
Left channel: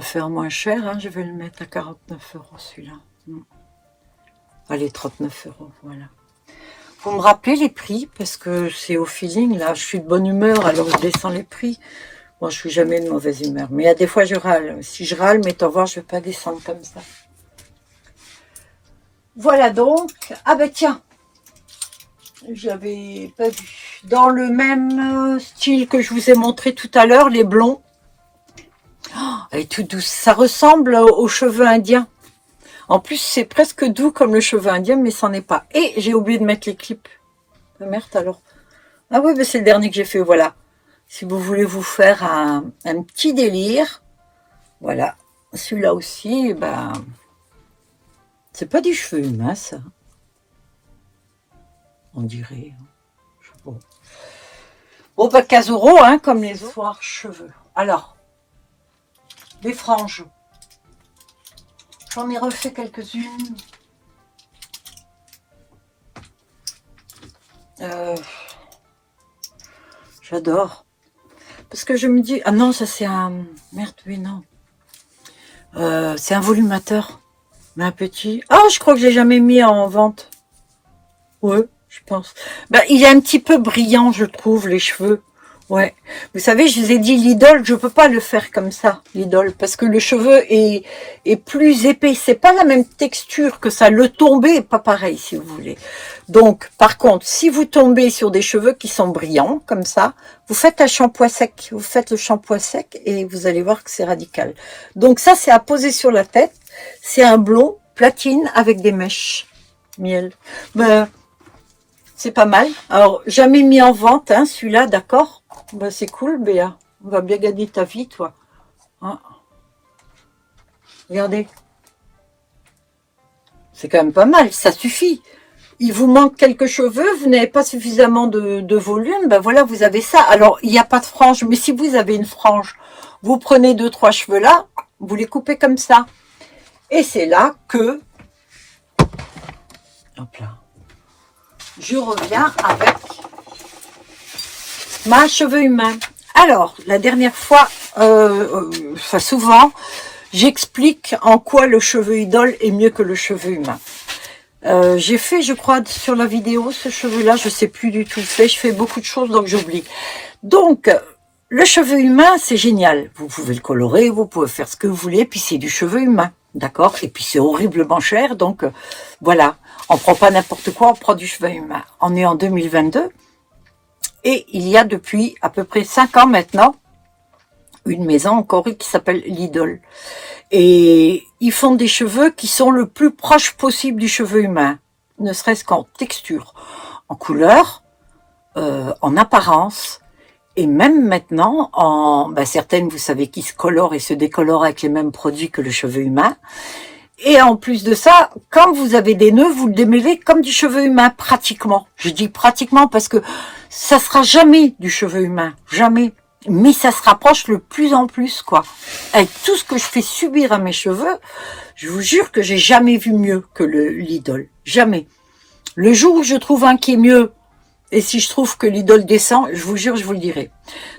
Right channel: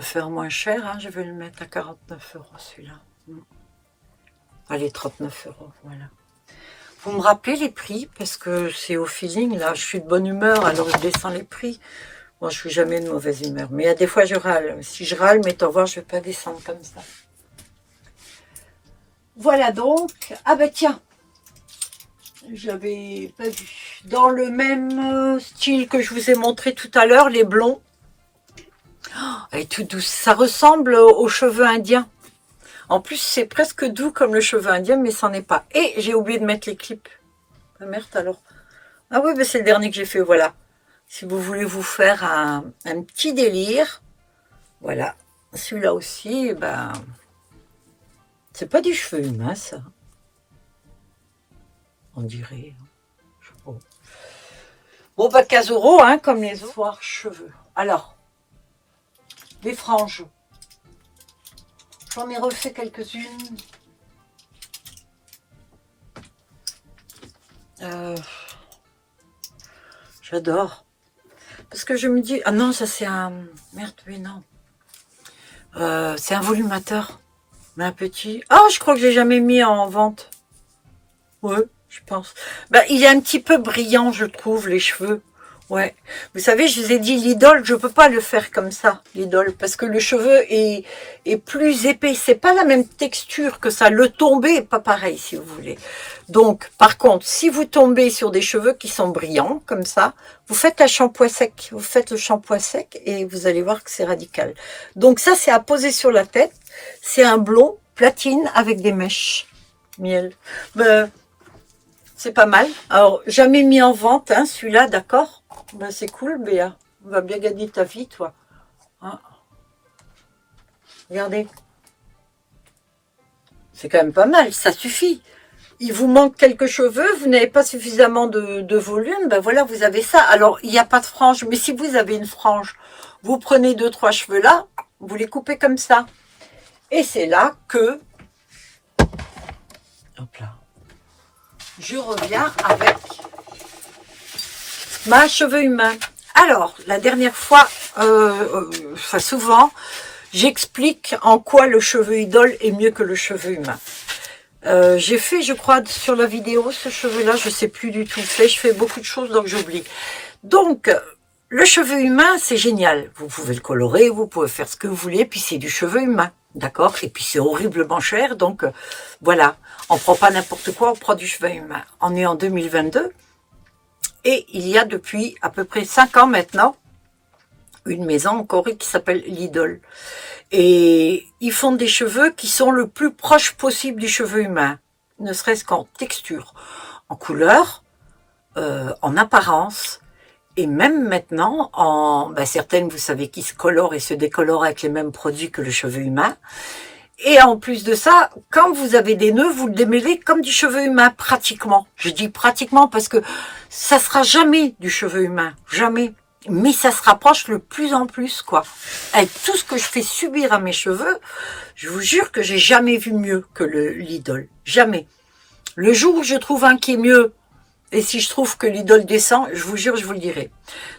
faire moins cher, hein. Je vais le mettre à 49 € celui-là. Allez, 39 €, voilà. Vous me rappelez les prix, parce que c'est au feeling, là, je suis de bonne humeur, alors je descends les prix. Bon, je suis jamais de mauvaise humeur, mais il y a des fois je râle. Si je râle, mais t'en voir, je vais pas descendre comme ça. Voilà donc. Ah ben tiens, j'avais pas vu. Dans le même style que je vous ai montré tout à l'heure, les blonds. Oh, elle est toute douce. Ça ressemble aux cheveux indiens. En plus, c'est presque doux comme le cheveu indien, mais ça n'est pas. Et j'ai oublié de mettre les clips. Ah, merde alors. Ah oui, ben c'est le dernier que j'ai fait, voilà. Si vous voulez vous faire un petit délire, voilà. Celui-là aussi, ben, c'est pas du cheveu humain, ça. On dirait. Bon, ben 15 €, hein, comme les soirs cheveux. Alors, les franges. J'en ai refait quelques-unes. J'adore. Parce que je me dis... Ah non, ça c'est un... Merde, oui, non. C'est un volumateur. Mais un petit... Ah, je crois que j'ai jamais mis en vente. Ouais, je pense. Ben, il est un petit peu brillant, je trouve, les cheveux. Ouais. Vous savez, je vous ai dit, l'idole, je peux pas le faire comme ça, l'idole, parce que le cheveu est plus épais. C'est pas la même texture que ça. Le tombé est pas pareil, si vous voulez. Donc, par contre, si vous tombez sur des cheveux qui sont brillants, comme ça, vous faites un shampoing sec. Vous faites le shampoing sec et vous allez voir que c'est radical. Donc ça, c'est à poser sur la tête. C'est un blond platine avec des mèches. Miel. Ben, c'est pas mal. Alors, jamais mis en vente, hein, celui-là, d'accord? Ben, c'est cool, Béa. On va bien gagner ta vie, toi. Hein? Regardez. C'est quand même pas mal, ça suffit. Il vous manque quelques cheveux, vous n'avez pas suffisamment de volume, ben voilà, vous avez ça. Alors, il n'y a pas de frange, mais si vous avez une frange, vous prenez 2-3 cheveux là, vous les coupez comme ça. Et c'est là que... Hop là. Je reviens avec ma cheveux humain. Alors, la dernière fois, enfin souvent, j'explique en quoi le cheveu idole est mieux que le cheveu humain. J'ai fait, je crois, sur la vidéo, ce cheveu-là, je sais plus du tout. Je fais beaucoup de choses, donc j'oublie. Donc, le cheveu humain, c'est génial. Vous pouvez le colorer, vous pouvez faire ce que vous voulez, puis c'est du cheveu humain, d'accord? Et puis c'est horriblement cher, donc voilà. On prend pas n'importe quoi, on prend du cheveu humain. On est en 2022, et il y a depuis à peu près 5 ans maintenant, une maison en Corée qui s'appelle Lidl. Et ils font des cheveux qui sont le plus proche possible du cheveu humain, ne serait-ce qu'en texture, en couleur, en apparence, et même maintenant, certaines, vous savez, qui se colorent et se décolorent avec les mêmes produits que le cheveu humain. Et en plus de ça, quand vous avez des nœuds, vous le démêlez comme du cheveu humain, pratiquement. Je dis pratiquement parce que ça sera jamais du cheveu humain, jamais. Mais ça se rapproche le plus en plus, quoi. Avec tout ce que je fais subir à mes cheveux, je vous jure que j'ai jamais vu mieux que l'idole. Jamais. Le jour où je trouve un qui est mieux, et si je trouve que l'idole descend, je vous jure, je vous le dirai.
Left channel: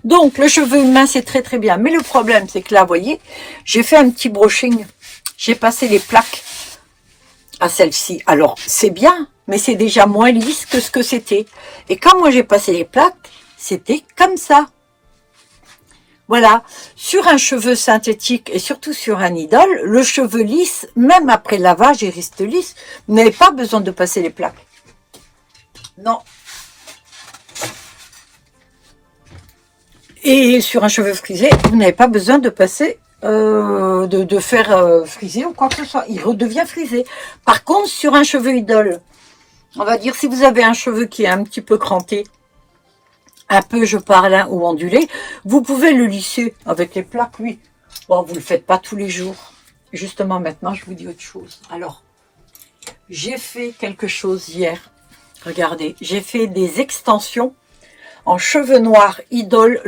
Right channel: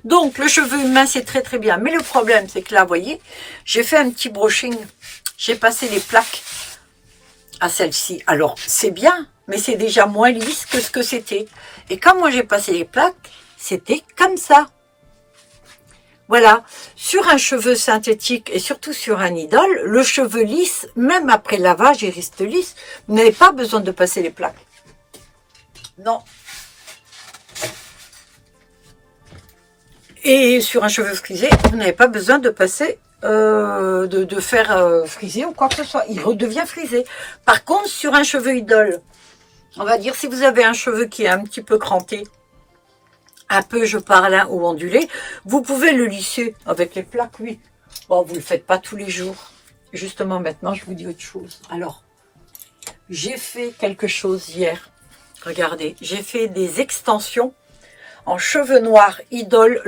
Donc, le cheveu humain, c'est très très bien. Mais le problème, c'est que là, vous voyez, j'ai fait un petit brushing. J'ai passé les plaques à celle-ci. Alors, c'est bien, mais c'est déjà moins lisse que ce que c'était. Et quand moi j'ai passé les plaques, c'était comme ça. Voilà, sur un cheveu synthétique et surtout sur un idole, le cheveu lisse, même après lavage, il reste lisse. Vous n'avez pas besoin de passer les plaques. Non. Et sur un cheveu frisé, vous n'avez pas besoin de passer, de faire friser ou quoi que ce soit. Il redevient frisé. Par contre, sur un cheveu idole, on va dire si vous avez un cheveu qui est un petit peu cranté, un peu, je parle, hein, ou ondulé, vous pouvez le lisser avec les plaques, oui. Bon, vous ne le faites pas tous les jours. Justement, maintenant, je vous dis autre chose. Alors, j'ai fait quelque chose hier. Regardez, j'ai fait des extensions en cheveux noirs idole.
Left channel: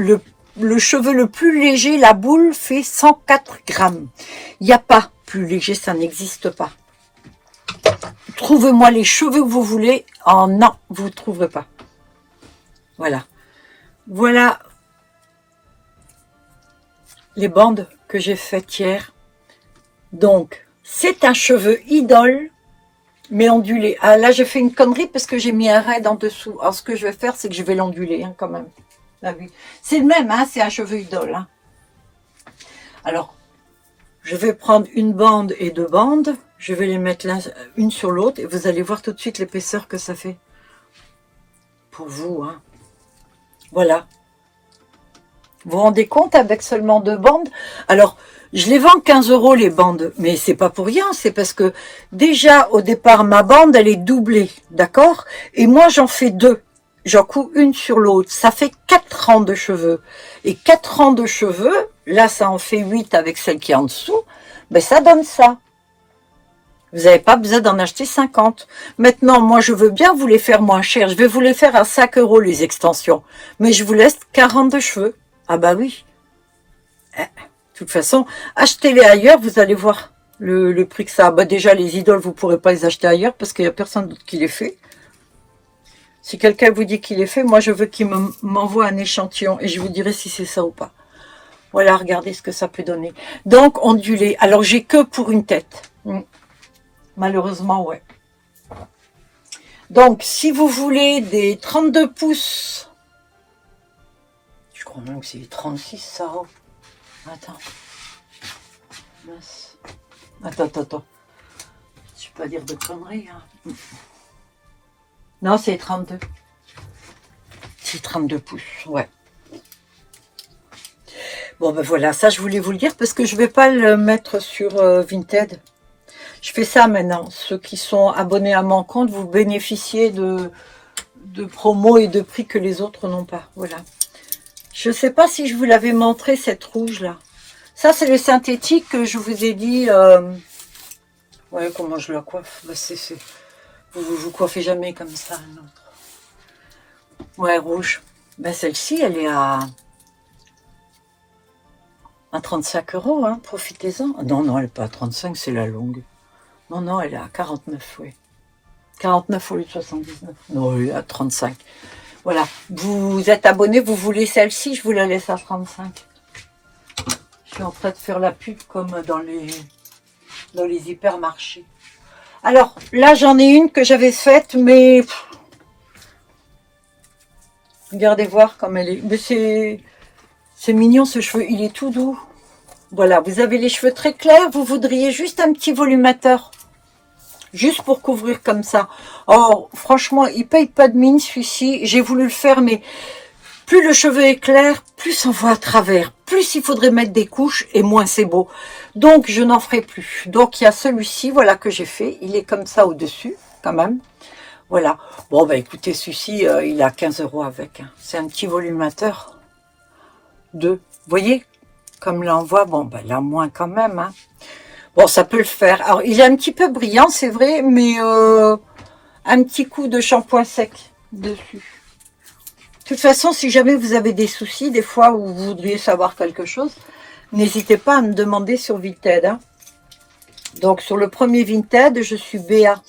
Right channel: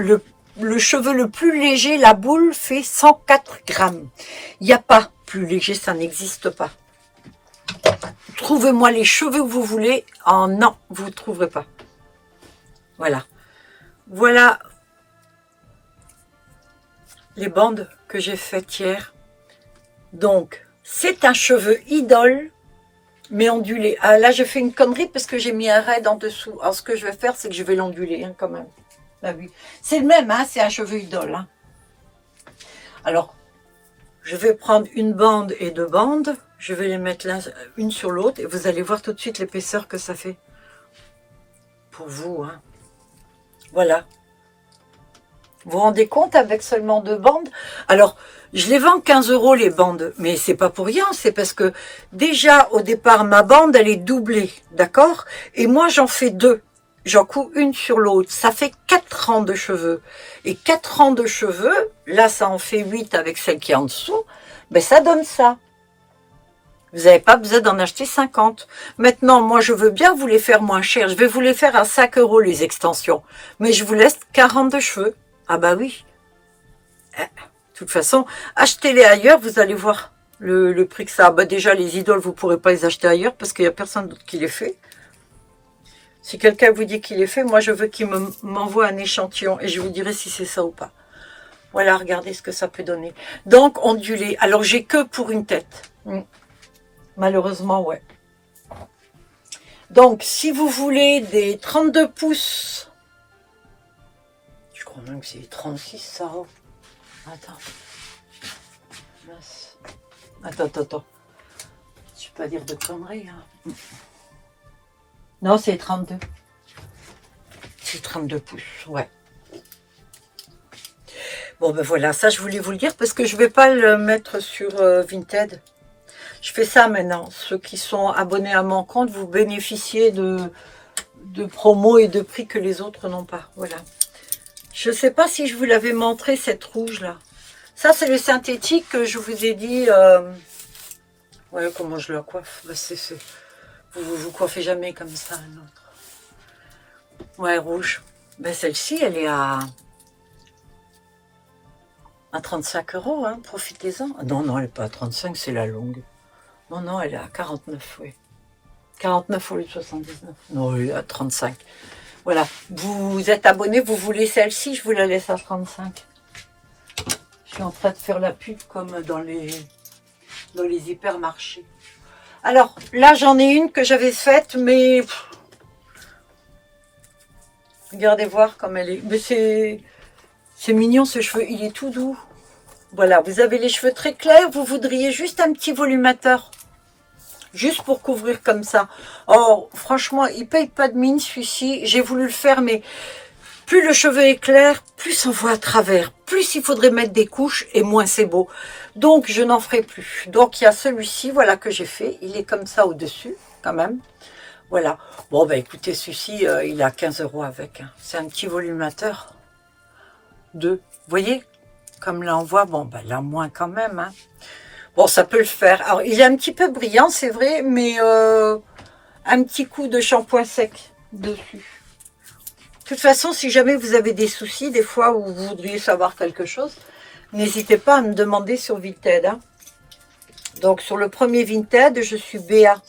Le cheveu le plus léger, la boule fait 104 grammes. Il n'y a pas plus léger, ça n'existe pas. Trouvez-moi les cheveux que vous voulez. Oh non, vous ne trouverez pas. Voilà. Voilà les bandes que j'ai faites hier. Donc, c'est un cheveu idole, mais ondulé. Ah, là, j'ai fait une connerie parce que j'ai mis un raid en dessous. Alors, ce que je vais faire, c'est que je vais l'onduler, hein, quand même. Là, oui. C'est le même, hein, c'est un cheveu idole. Hein. Alors, je vais prendre une bande et deux bandes. Je vais les mettre une sur l'autre et vous allez voir tout de suite l'épaisseur que ça fait. Pour vous, hein. Voilà. Vous vous rendez compte avec seulement deux bandes? Alors, je les vends 15 € les bandes, mais c'est pas pour rien, c'est parce que déjà au départ ma bande elle est doublée, d'accord? Et moi j'en fais deux, j'en couds une sur l'autre, ça fait 4 rangs de cheveux. Et 4 rangs de cheveux, là ça en fait 8 avec celle qui est en dessous, ben ça donne ça. Vous n'avez pas besoin d'en acheter 50. Maintenant, moi je veux bien vous les faire moins cher, je vais vous les faire à 5 € les extensions, mais je vous laisse 42 cheveux. Ah bah oui. De toute façon, achetez-les ailleurs, vous allez voir le prix que ça a. Bah déjà, les idoles, vous ne pourrez pas les acheter ailleurs parce qu'il n'y a personne d'autre qui les fait. Si quelqu'un vous dit qu'il les fait, moi, je veux qu'il m'envoie un échantillon et je vous dirai si c'est ça ou pas. Voilà, regardez ce que ça peut donner. Donc, ondulé. Alors, j'ai que pour une tête. Malheureusement, ouais. Donc, si vous voulez des 32 pouces, je crois même que c'est 36, ça. Attends. Attends. Je peux pas dire de conneries. Hein. Non, c'est 32. C'est 32 pouces, ouais. Bon, ben voilà, ça, je voulais vous le dire parce que je vais pas le mettre sur Vinted. Je fais ça maintenant. Ceux qui sont abonnés à mon compte, vous bénéficiez de promos et de prix que les autres n'ont pas. Voilà. Je ne sais pas si je vous l'avais montré, cette rouge-là. Ça, c'est le synthétique que je vous ai dit. Ouais, comment je la coiffe. Bah, vous coiffez jamais comme ça, un autre. Ouais, rouge. Ben, celle-ci, elle est à 35 €. Hein. Profitez-en. Non, elle n'est pas à 35, c'est la longue. Non, elle est à 49, oui. 49 au lieu de 79. Non, elle est à 35. Voilà, vous êtes abonné, vous voulez celle-ci, je vous la laisse à 35. Je suis en train de faire la pub comme dans les hypermarchés. Alors, là, j'en ai une que j'avais faite, mais... Regardez voir comme elle est. Mais c'est mignon, ce cheveu, il est tout doux. Voilà, vous avez les cheveux très clairs, vous voudriez juste un petit volumateur. Juste pour couvrir comme ça. Oh, franchement, il paye pas de mine celui-ci. J'ai voulu le faire, mais plus le cheveu est clair, plus on voit à travers. Plus il faudrait mettre des couches et moins c'est beau. Donc, je n'en ferai plus. Donc, il y a celui-ci, voilà, que j'ai fait. Il est comme ça au-dessus, quand même. Voilà. Bon, bah écoutez, celui-ci, il a 15 € avec. Hein. C'est un petit volumateur. Vous voyez, comme là, on voit, bon, bah là, moins quand même, hein. Bon, ça peut le faire. Alors, il est un petit peu brillant, c'est vrai, mais un petit coup de shampoing sec dessus. De toute façon, si jamais vous avez des soucis, des fois où vous voudriez savoir quelque chose, n'hésitez pas à me demander sur Vinted. Hein. Donc, sur le premier Vinted, je suis BA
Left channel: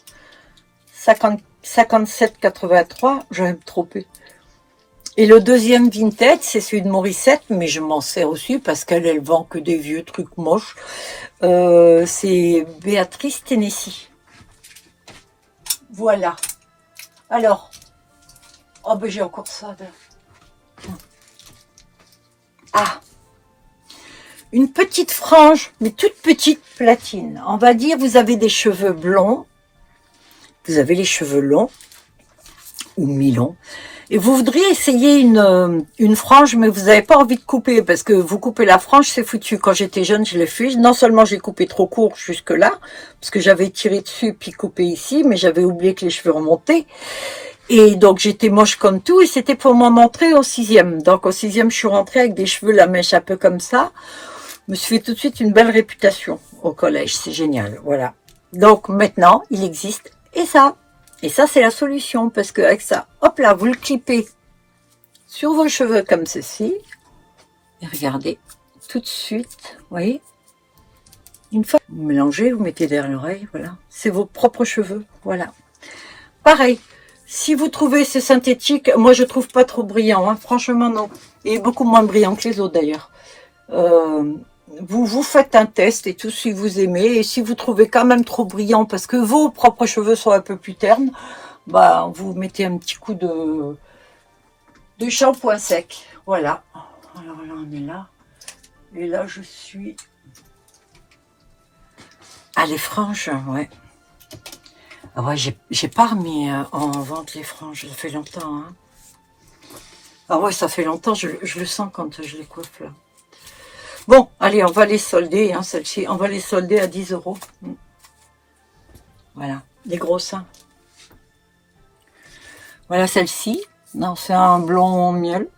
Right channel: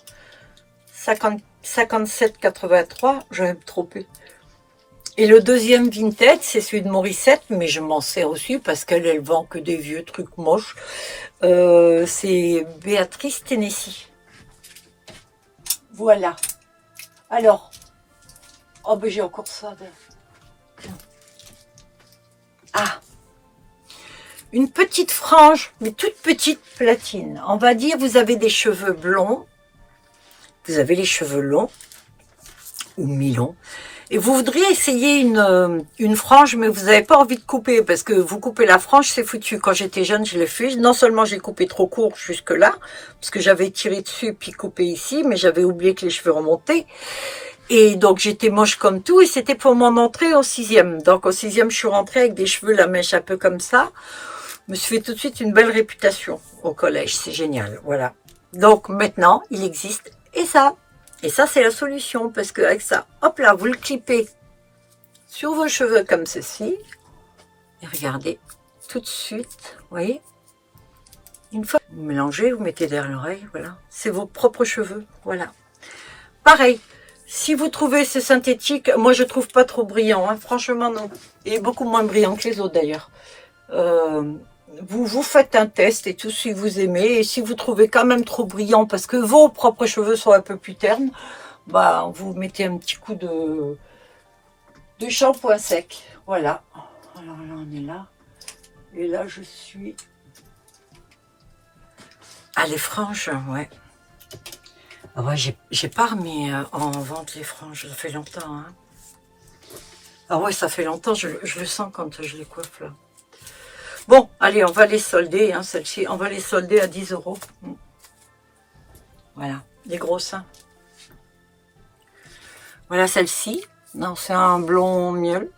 57,83. J'en ai trop peu. Et le deuxième Vinted, c'est celui de Morissette, mais je m'en sers aussi parce qu'elle vend que des vieux trucs moches. C'est Béatrice Tennessee. Voilà. Alors, oh ben j'ai encore ça. Là. Ah, une petite frange, mais toute petite platine. On va dire, vous avez des cheveux blonds, vous avez les cheveux longs ou mi-longs. Et vous voudriez essayer une frange, mais vous n'avez pas envie de couper, parce que vous coupez la frange, c'est foutu. Quand j'étais jeune, je l'ai fait. Non seulement j'ai coupé trop court jusque-là, parce que j'avais tiré dessus, puis coupé ici, mais j'avais oublié que les cheveux remontaient. Et donc, j'étais moche comme tout, et c'était pour m'en montrer au 6e. Donc, au 6e, je suis rentrée avec des cheveux, la mèche un peu comme ça. Je me suis fait tout de suite une belle réputation au collège. C'est génial, voilà. Donc, maintenant, il existe, et ça. Et ça, c'est la solution, parce qu'avec ça, hop là, vous le clippez sur vos cheveux comme ceci. Et regardez, tout de suite, vous voyez, une fois vous mélangez, vous mettez derrière l'oreille, voilà. C'est vos propres cheveux, voilà. Pareil, si vous trouvez ce synthétique, moi je trouve pas trop brillant, hein, franchement non. Il est beaucoup moins brillant que les autres d'ailleurs. Vous faites un test et tout si vous aimez. Et si vous trouvez quand même trop brillant parce que vos propres cheveux sont un peu plus ternes, bah vous mettez un petit coup de shampoing sec. Voilà. Alors là on est là. Et là je suis... Ah les franges, ouais. Ah ouais, j'ai pas remis en vente les franges, ça fait longtemps. Hein. Ah ouais, ça fait longtemps, je le sens quand je les coiffe là. Bon, allez, on va les solder, hein, celle-ci. On va les solder à 10 €. Voilà, les gros seins. Voilà celle-ci. Non, c'est un blond miel.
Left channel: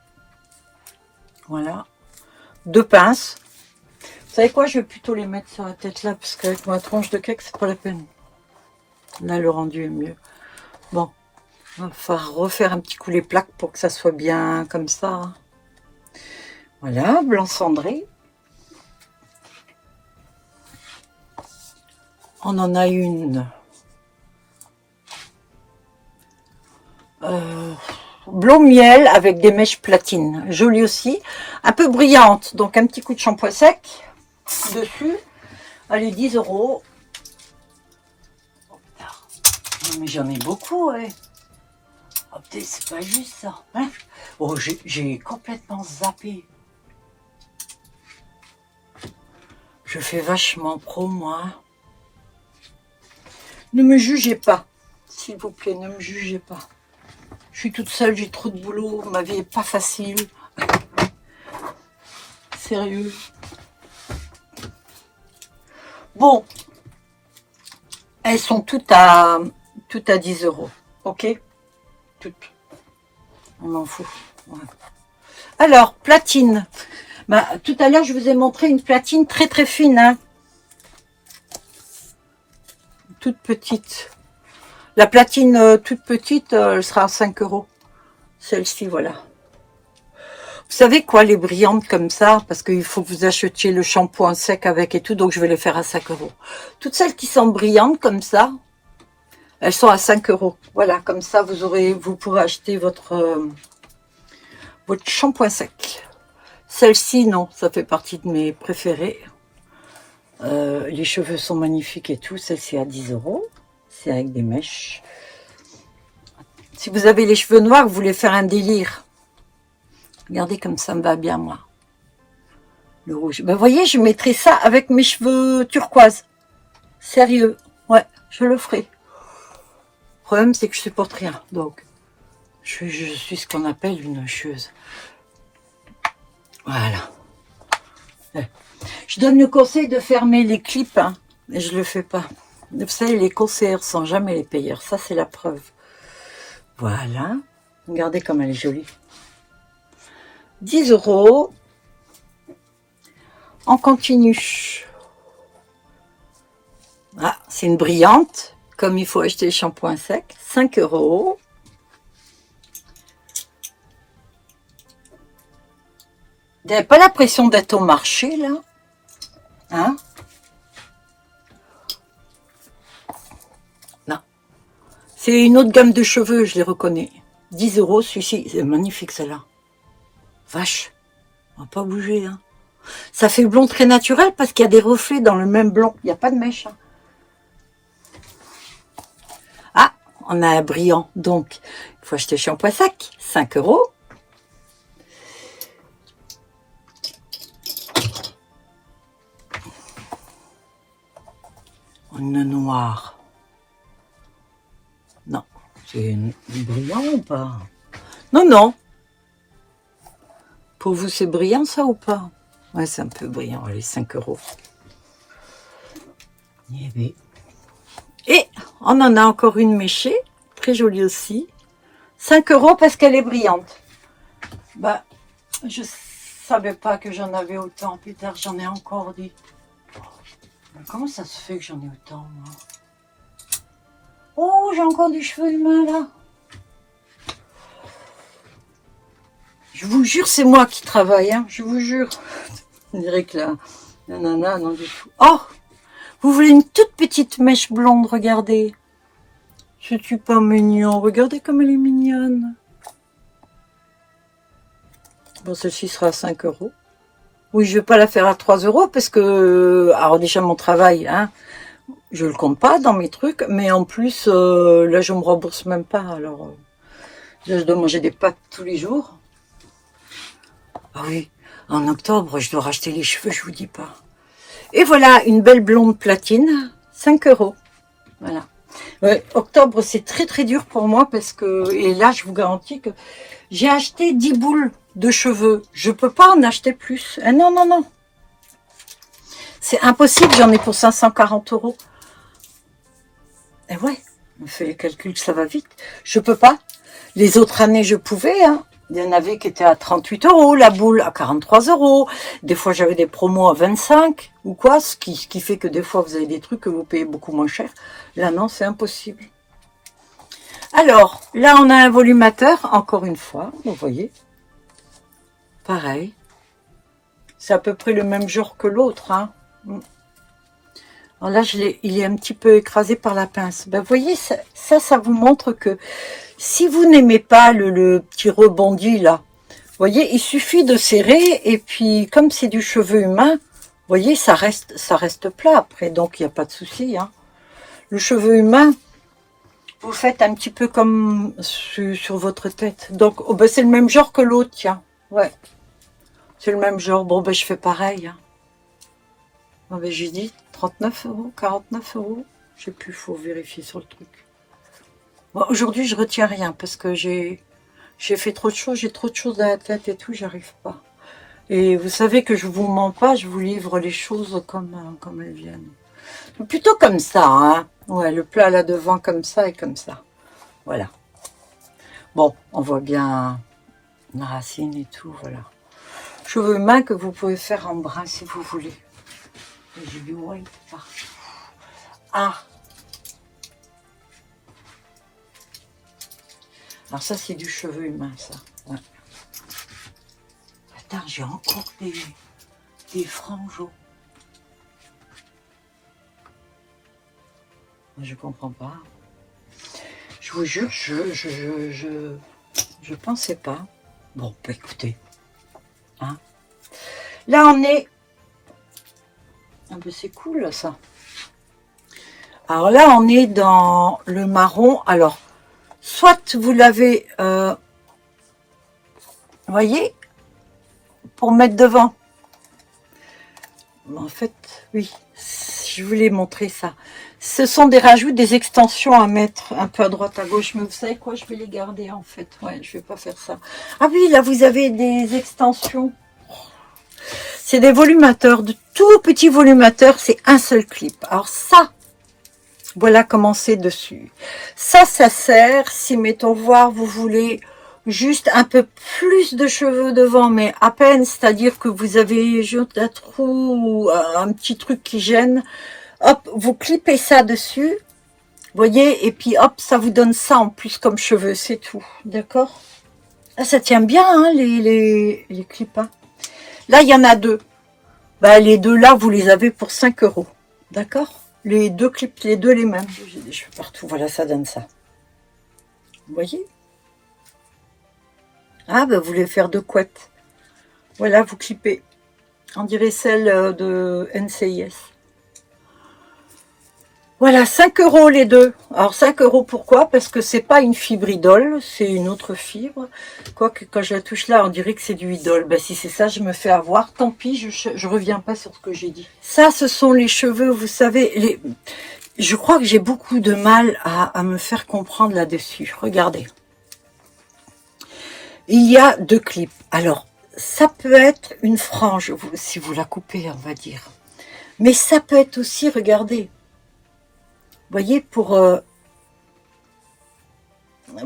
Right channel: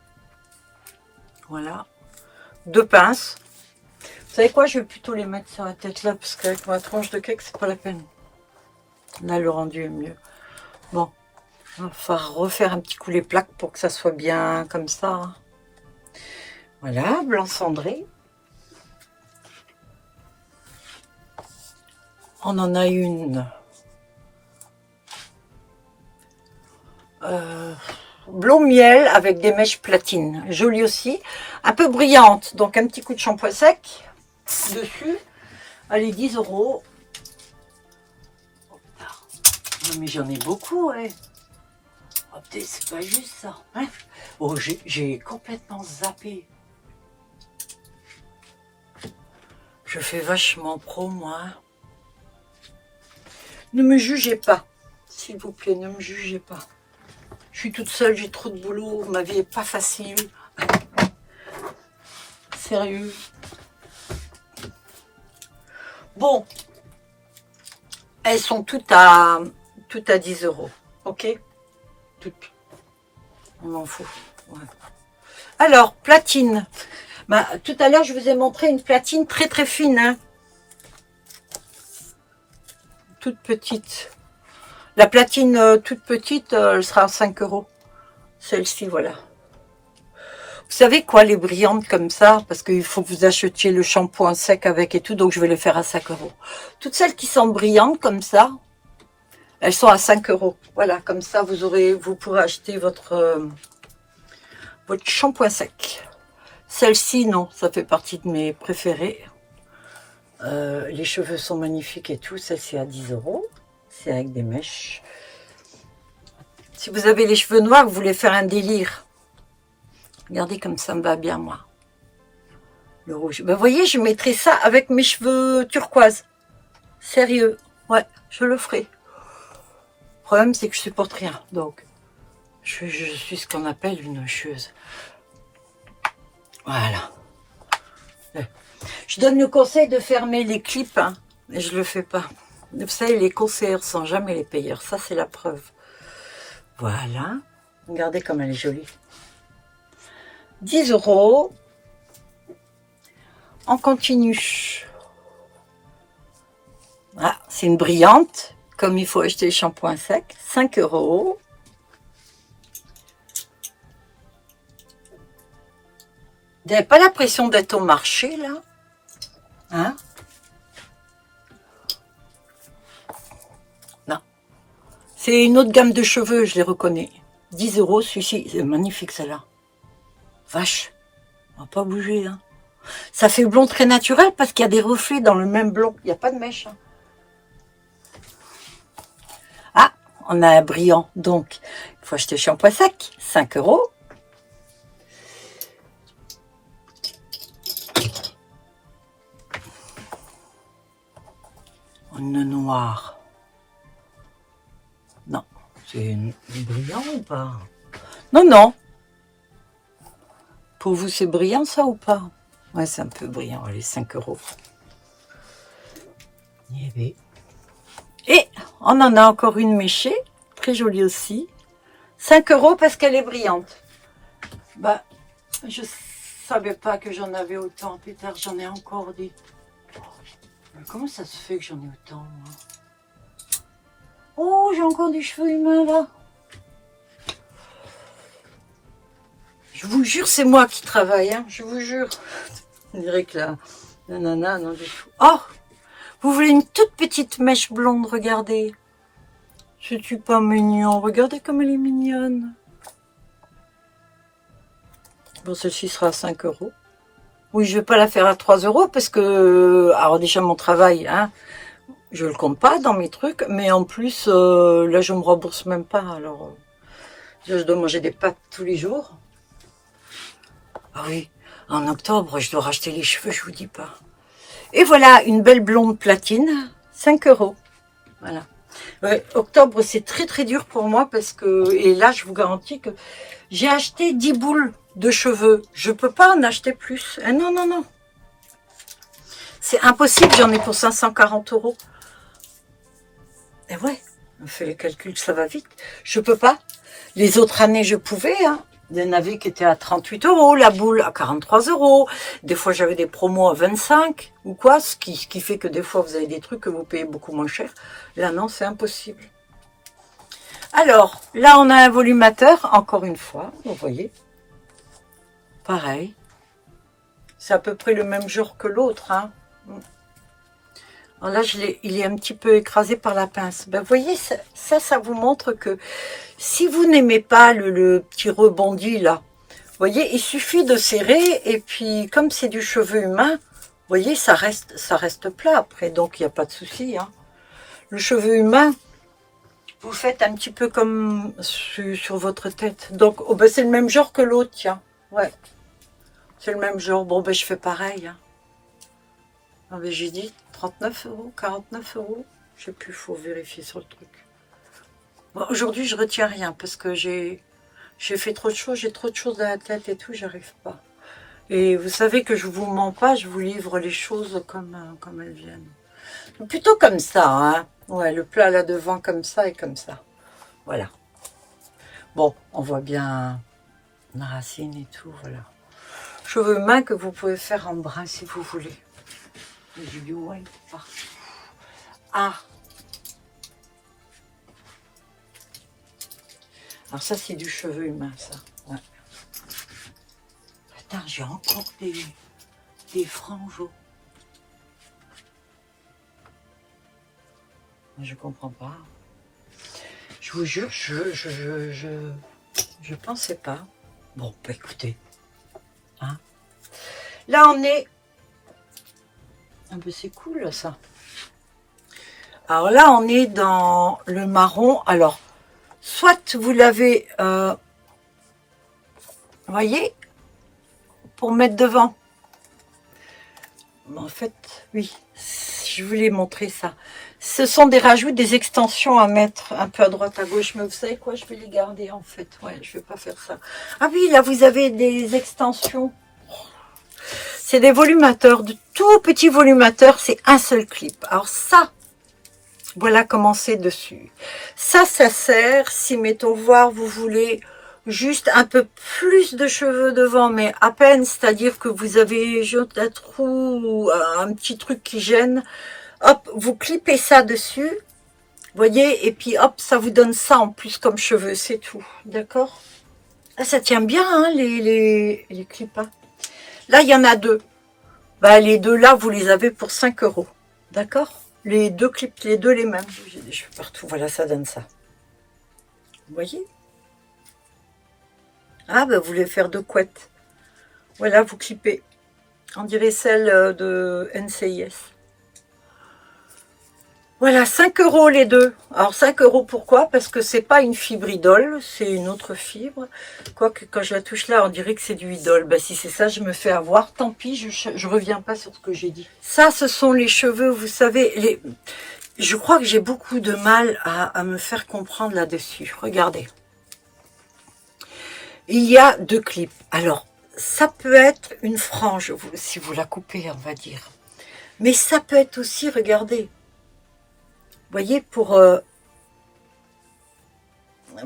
Voilà. 2 pinces. Vous savez quoi, je vais plutôt les mettre sur la tête là, parce qu'avec ma tranche de cake, c'est pas la peine. Là, le rendu est mieux. Bon, on va refaire un petit coup les plaques pour que ça soit bien comme ça. Voilà, blanc cendré. On en a une blond miel avec des mèches platine, jolie aussi, un peu brillante, donc un petit coup de shampoing sec dessus. Allez, 10 €. Oh, non, mais j'en ai beaucoup, ouais. Oh, c'est pas juste ça. Hein, oh, j'ai complètement zappé. Je fais vachement pro, moi. Ne me jugez pas, s'il vous plaît, ne me jugez pas. Je suis toute seule, j'ai trop de boulot, ma vie est pas facile. Sérieux. Bon, elles sont toutes à 10 €, ok? Toutes. On m'en fout. Ouais. Alors, platine. Bah, tout à l'heure, je vous ai montré une platine très très fine, hein. Toute petite. La platine toute petite, elle sera à 5 €. Celle-ci, voilà. Vous savez quoi, les brillantes comme ça, parce qu'il faut que vous achetiez le shampoing sec avec et tout, donc je vais les faire à 5 €. Toutes celles qui sont brillantes comme ça, elles sont à 5 €. Voilà, comme ça, vous pourrez acheter votre shampoing sec. Celle-ci, non, ça fait partie de mes préférés. Les cheveux sont magnifiques et tout. Celle-ci à 10 €. C'est avec des mèches. Si vous avez les cheveux noirs, vous voulez faire un délire. Regardez comme ça me va bien, moi. Le rouge. Ben, vous voyez, je mettrai ça avec mes cheveux turquoise. Sérieux. Ouais, je le ferai. Le problème, c'est que je supporte rien. Donc, je suis ce qu'on appelle une chieuse. Voilà. Je donne le conseil de fermer les clips, hein, mais je le fais pas. Vous savez, les conseillers sont jamais les payeurs. Ça, c'est la preuve. Voilà. Regardez comme elle est jolie. 10 €. On continue. Ah, c'est une brillante. Comme il faut acheter le shampoing sec. 5 €. Vous n'avez pas l'impression d'être au marché, là? Hein? Non. C'est une autre gamme de cheveux, je les reconnais. 10 €, celui-ci. C'est magnifique, celle-là. Vache. On va pas bouger, hein. Ça fait blond très naturel parce qu'il y a des reflets dans le même blond. Il n'y a pas de mèche. Hein. Ah, on a un brillant. Donc, il faut acheter le shampoing sec. 5 €. Une noire. Non. C'est une brillant ou pas? Non, non. Pour vous, c'est brillant, ça, ou pas? Ouais, c'est un peu brillant. Allez, 5 €. Et on en a encore une méchée. Très jolie aussi. 5 € parce qu'elle est brillante. Bah, je savais pas que j'en avais autant. Plus tard, j'en ai encore dit. Mais comment ça se fait que j'en ai autant, moi? Oh, j'ai encore des cheveux humains là. Je vous jure, c'est moi qui travaille, hein, je vous jure. On dirait que la nana, non du tout. Oh, vous voulez une toute petite mèche blonde, regardez. Je suis pas mignon, regardez comme elle est mignonne. Bon, celle-ci sera à 5 €. Oui, je vais pas la faire à 3 € parce que, alors déjà mon travail, hein, je le compte pas dans mes trucs, mais en plus, là je me rembourse même pas, alors je dois manger des pâtes tous les jours. Ah oui, en octobre, je dois racheter les cheveux, je vous dis pas. Et voilà, une belle blonde platine, 5 €. Voilà. Ouais, octobre, c'est très très dur pour moi parce que, et là, je vous garantis que j'ai acheté 10 boules de cheveux. Je peux pas en acheter plus. Ah non, non, non. C'est impossible, j'en ai pour 540 €. Et ouais, on fait les calculs, ça va vite. Je peux pas. Les autres années, je pouvais, hein. Il y en avait qui étaient à 38 €, la boule à 43 €. Des fois, j'avais des promos à 25 ou quoi, ce qui fait que des fois, vous avez des trucs que vous payez beaucoup moins cher. Là, non, c'est impossible. Alors, là, on a un volumateur, encore une fois, vous voyez. Pareil. C'est à peu près le même genre que l'autre, hein. Alors là, il est un petit peu écrasé par la pince. Ben, vous voyez, ça vous montre que si vous n'aimez pas le petit rebondi, là, vous voyez, il suffit de serrer, et puis, comme c'est du cheveu humain, vous voyez, ça reste plat après, donc il n'y a pas de souci, hein. Le cheveu humain, vous faites un petit peu comme sur votre tête. Donc, oh ben, c'est le même genre que l'autre, tiens. Ouais, c'est le même genre. Bon, ben, je fais pareil, hein. Non, mais j'ai dit 39 €, 49 €. Je sais plus, il faut vérifier sur le truc. Bon, aujourd'hui, je retiens rien parce que j'ai fait trop de choses, j'ai trop de choses dans la tête et tout, j'arrive pas. Et vous savez que je vous mens pas, je vous livre les choses comme elles viennent. Plutôt comme ça, hein. Ouais, le plat là devant comme ça et comme ça. Voilà. Bon, on voit bien la racine et tout, voilà. Cheveux humains que vous pouvez faire en bras si vous voulez. J'ai du white partout. Ah! Alors ça, c'est du cheveu humain, ça. Ouais. Putain, j'ai encore des franges. Je comprends pas. Je vous jure, je pensais pas. Bon, bah écoutez. Hein. Là, on est... Ah ben c'est cool, ça. Alors là, on est dans le marron. Alors, soit vous l'avez... vous voyez, pour mettre devant. En fait, oui, je voulais montrer ça. Ce sont des rajouts, des extensions à mettre un peu à droite, à gauche. Mais vous savez quoi, je vais les garder en fait. Ouais, je vais pas faire ça. Ah oui, là, vous avez des extensions. C'est des volumateurs, de tout petits volumateurs. C'est un seul clip. Alors ça, voilà comment c'est dessus. Ça sert si, mettons voir, vous voulez... juste un peu plus de cheveux devant, mais à peine, c'est-à-dire que vous avez juste un trou ou un petit truc qui gêne. Hop, vous clipez ça dessus, voyez, et puis hop, ça vous donne ça en plus comme cheveux, c'est tout, d'accord? Ça tient bien, hein, les clips, hein. Là, il y en a deux. Ben, les deux là, vous les avez pour 5 €, d'accord? Les deux clips, les deux les mêmes. J'ai des cheveux partout, voilà, ça donne ça. Vous voyez? Ah, ben, vous voulez faire deux couettes. Voilà, vous clippez. On dirait celle de NCIS. Voilà, 5 € les deux. Alors, 5 € pourquoi? Parce que c'est pas une fibre idole, c'est une autre fibre. Quoique, quand je la touche là, on dirait que c'est du idole. Ben, si c'est ça, je me fais avoir. Tant pis, je reviens pas sur ce que j'ai dit. Ça, ce sont les cheveux, vous savez. Je crois que j'ai beaucoup de mal à me faire comprendre là-dessus. Regardez. Il y a deux clips. Alors, ça peut être une frange, si vous la coupez, on va dire. Mais ça peut être aussi, regardez. Vous voyez, vous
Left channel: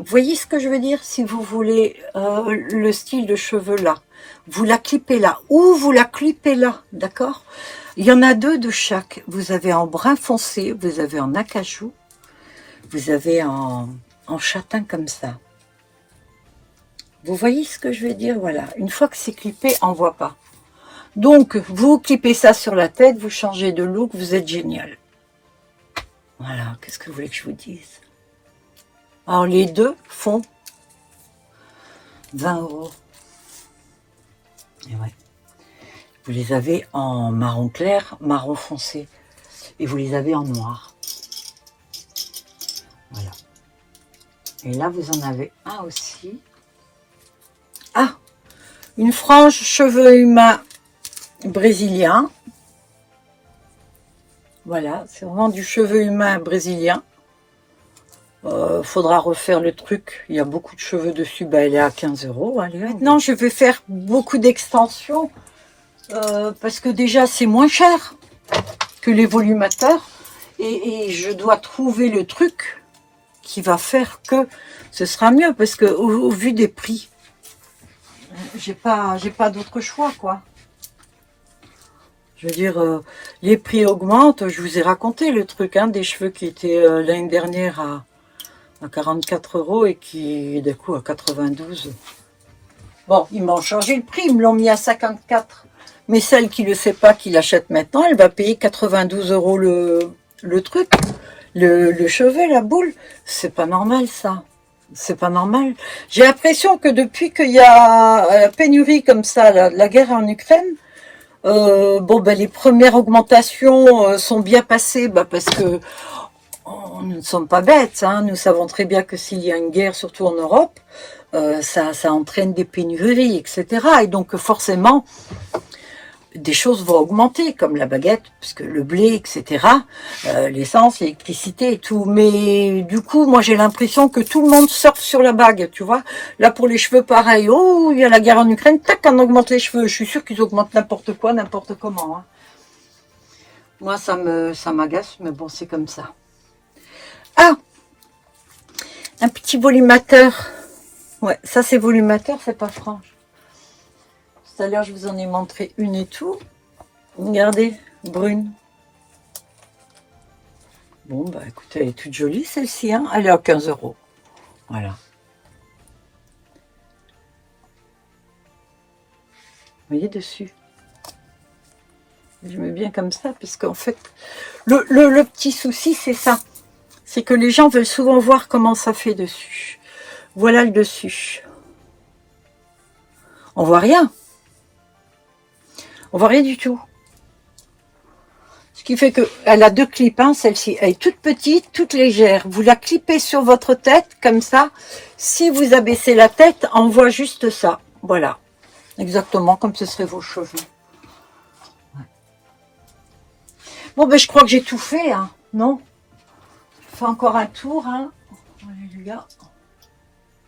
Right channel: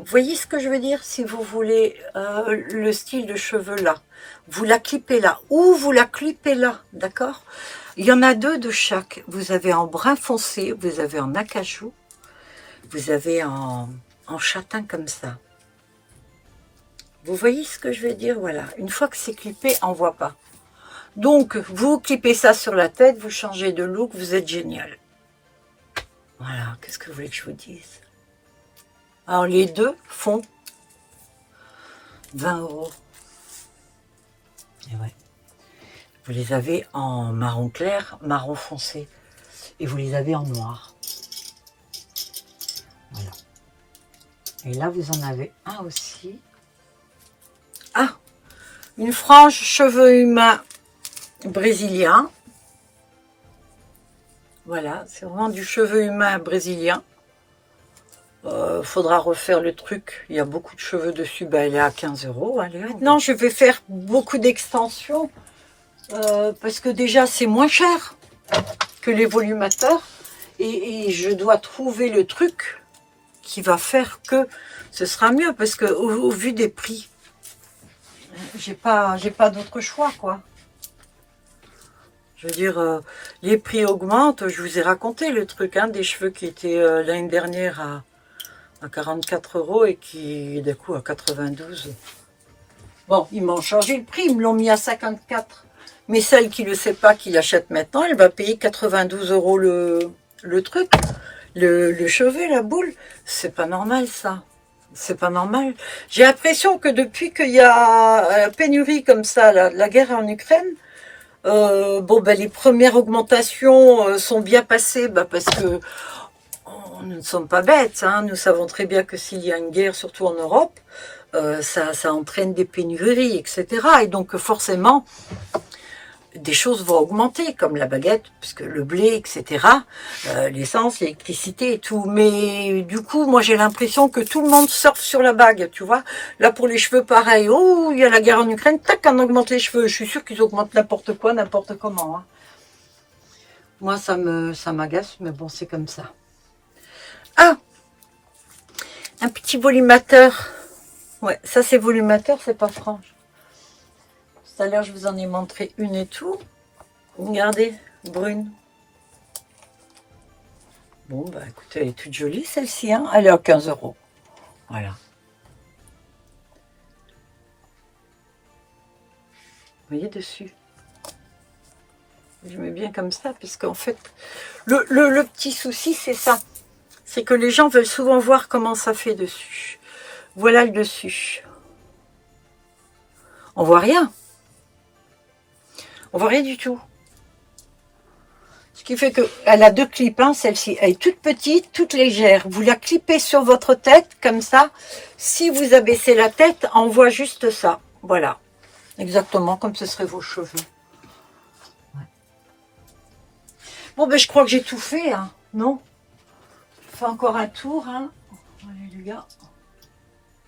voyez ce que je veux dire? Si vous voulez le style de cheveux là, vous la clipez là, ou vous la clipez là, d'accord? Il y en a deux de chaque. Vous avez en brun foncé, vous avez en acajou. vous avez en châtain comme ça. Vous voyez ce que je veux dire? Voilà. Une fois que c'est clippé, on ne voit pas. Donc, vous clippez ça sur la tête, vous changez de look, vous êtes génial. Voilà. Qu'est-ce que vous voulez que je vous dise? Alors, les deux font 20 €. Et ouais. Vous les avez en marron clair, marron foncé. Et vous les avez en noir. Voilà. Et là, vous en avez un aussi. Ah, une frange cheveux humains brésilien. Voilà, c'est vraiment du cheveu humain brésilien. Faudra refaire le truc. Il y a beaucoup de cheveux dessus. Bah, elle est à 15 €. Allez, maintenant, je vais faire beaucoup d'extensions. Parce que déjà, c'est moins cher que les volumateurs. Et je dois trouver le truc qui va faire que ce sera mieux. Parce que au vu des prix, j'ai pas d'autre choix, quoi. Je veux dire, les prix augmentent. Je vous ai raconté le truc, hein, des cheveux qui étaient l'année dernière à 44 € et qui, d'un coup, à 92. Bon, ils m'ont changé le prix, ils me l'ont mis à 54. Mais celle qui ne le sait pas, qui l'achète maintenant, elle va payer 92 € le truc, le chevet, la boule. C'est pas normal, ça. C'est pas normal. J'ai l'impression que depuis qu'il y a pénurie comme ça, la guerre en Ukraine, bon, ben, les premières augmentations sont bien passées, parce que nous ne sommes pas bêtes, hein. Nous savons très bien que s'il y a une guerre, surtout en Europe, ça entraîne des pénuries, etc. Et donc forcément, des choses vont augmenter, comme la baguette, parce que le blé, etc., l'essence, l'électricité et tout. Mais du coup, moi j'ai l'impression que tout le monde surfe sur la bague, tu vois. Là, pour les cheveux, pareil. Oh, il y a la guerre en Ukraine, tac, on augmente les cheveux. Je suis sûre qu'ils augmentent n'importe quoi, n'importe comment, hein. Moi, ça m'agace, mais bon, c'est comme ça. Ah, un petit volumateur. Ouais, ça c'est volumateur, c'est pas franche. Tout à l'heure, je vous en ai montré une et tout. Regardez, brune. Bon, bah écoutez, elle est toute jolie celle-ci, hein. Elle est à 15 €. Voilà. Vous voyez dessus. Je mets bien comme ça, parce qu'en fait, le petit souci, c'est ça. C'est que les gens veulent souvent voir comment ça fait dessus. Voilà le dessus. On voit rien. On voit rien du tout. Ce qui fait qu'elle a deux clips, hein, celle-ci. Elle est toute petite, toute légère. Vous la clippez sur votre tête, comme ça. Si vous abaissez la tête, on voit juste ça. Voilà. Exactement comme ce seraient vos cheveux. Ouais. Bon, ben, je crois que j'ai tout fait, hein. Non? Je fais encore un tour, hein. Alléluia.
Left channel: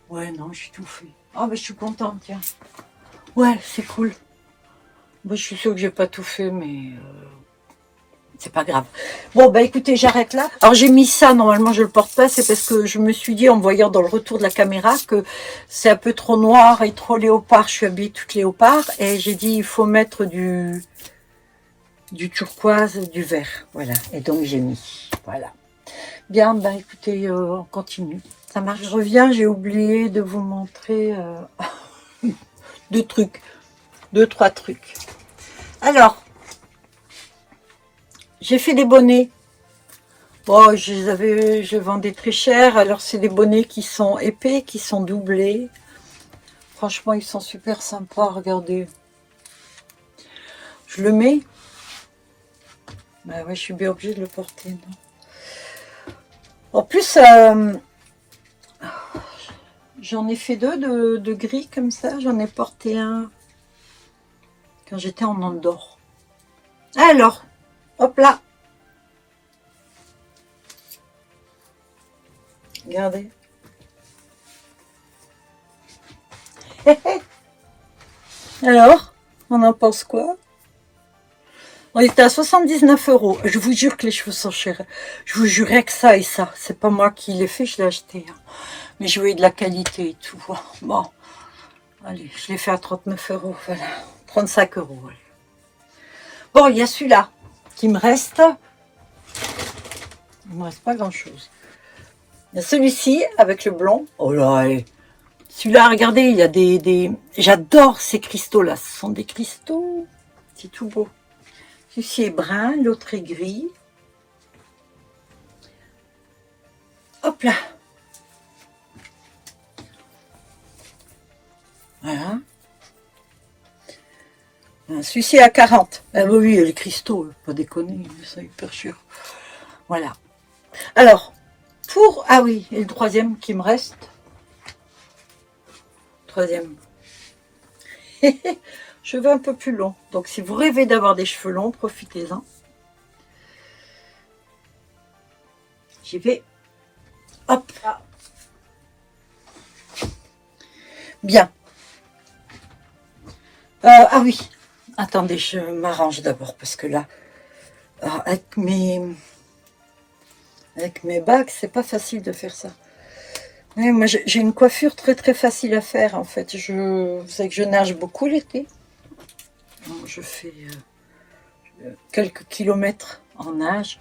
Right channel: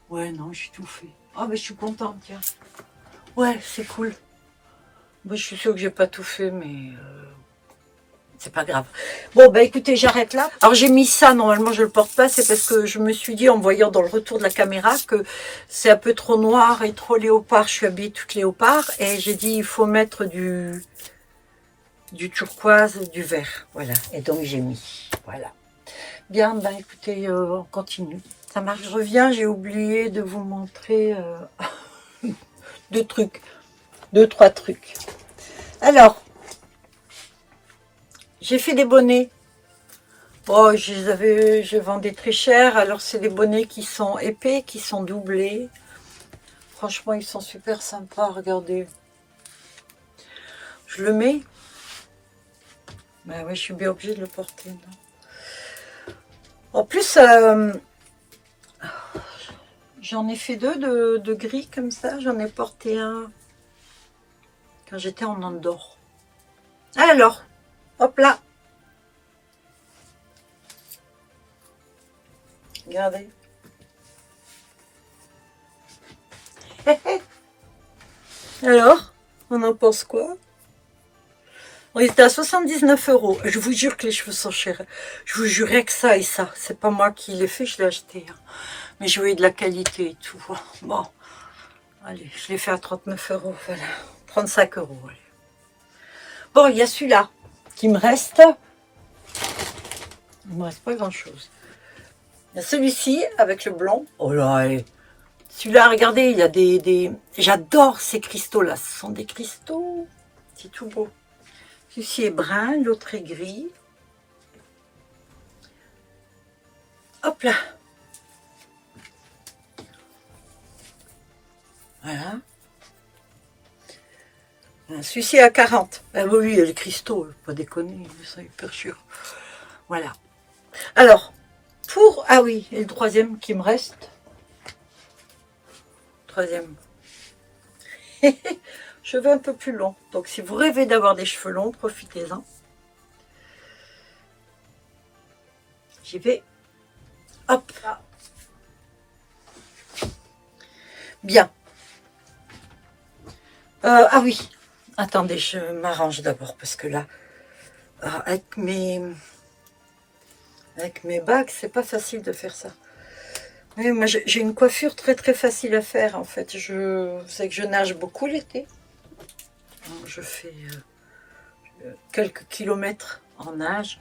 Ouais, non, j'ai tout fait. Oh, ben, je suis contente, tiens. Ouais, c'est cool. Bon, je suis sûre que j'ai pas tout fait, mais c'est pas grave. Bon, bah écoutez, j'arrête là. Alors, j'ai mis ça, normalement, je le porte pas. C'est parce que je me suis dit, en voyant dans le retour de la caméra, que c'est un peu trop noir et trop léopard. Je suis habillée toute léopard. Et j'ai dit, il faut mettre du turquoise, du vert. Voilà. Et donc, j'ai mis. Voilà. Bien, ben écoutez, on continue. Ça marche. Je reviens, j'ai oublié de vous montrer deux trucs. 2-3 trucs. Alors, j'ai fait des bonnets. Bon, je vendais très cher. Alors, c'est des bonnets qui sont épais, qui sont doublés. Franchement, ils sont super sympas. Regardez. Je le mets. Ben ouais, je suis bien obligée de le porter. Non, en plus, j'en ai fait deux de gris comme ça. J'en ai porté un quand j'étais en Andorre. Alors, hop là. Regardez. Alors, on en pense quoi? On était à 79 €. Je vous jure que les cheveux sont chers. Je vous jurais que ça et ça. C'est pas moi qui l'ai fait, je l'ai acheté. Hein. Mais je voulais de la qualité et tout. Bon, allez, je l'ai fait à 39 €. Voilà, 35 €. Allez. Bon, il y a celui-là qui me reste. Il me reste pas grand-chose. Il y a celui-ci avec le blond. Oh là, allez. Celui-là, regardez, il y a des... J'adore ces cristaux-là. Ce sont des cristaux. C'est tout beau. Celui-ci est brun, l'autre est gris. Hop là. Voilà. Celui-ci est à 40. Ah oui, les cristaux, pas déconner, c'est hyper cher. Voilà. Alors, pour... Ah oui, et le troisième qui me reste. Troisième. Cheveux un peu plus longs. Donc, si vous rêvez d'avoir des cheveux longs, profitez-en. J'y vais. Hop. Bien. Ah oui. Attendez, je m'arrange d'abord parce que là, avec mes bagues, c'est pas facile de faire ça. Oui, moi, j'ai une coiffure très très facile à faire en fait. Vous savez que je nage beaucoup l'été. Je fais quelques kilomètres en nage.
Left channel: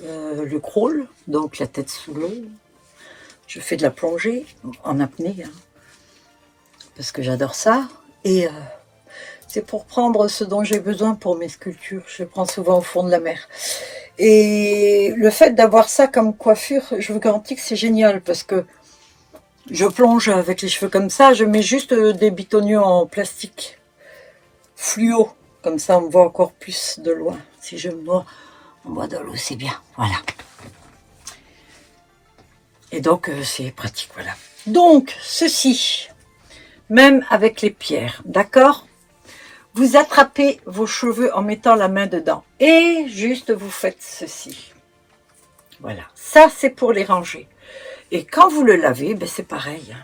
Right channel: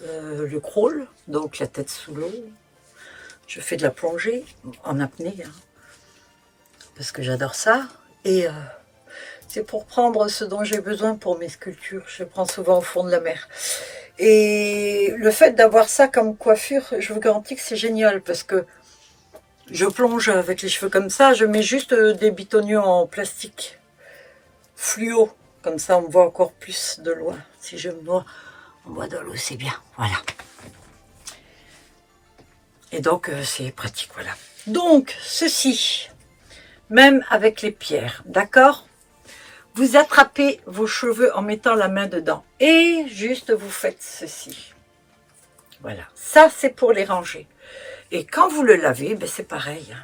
Le crawl, donc la tête sous l'eau. Je fais de la plongée en apnée, hein, parce que j'adore ça. Et c'est pour prendre ce dont j'ai besoin pour mes sculptures. Je prends souvent au fond de la mer. Et le fait d'avoir ça comme coiffure, je vous garantis que c'est génial parce que je plonge avec les cheveux comme ça. Je mets juste des bitonniaux en plastique fluo. Comme ça, on me voit encore plus de loin. Si je me vois en bois de l'eau, c'est bien. Voilà. Et donc, c'est pratique. Voilà. Donc, ceci, même avec les pierres, d'accord ? Vous attrapez vos cheveux en mettant la main dedans. Et juste, vous faites ceci. Voilà. Ça, c'est pour les ranger. Et quand vous le lavez, ben c'est pareil.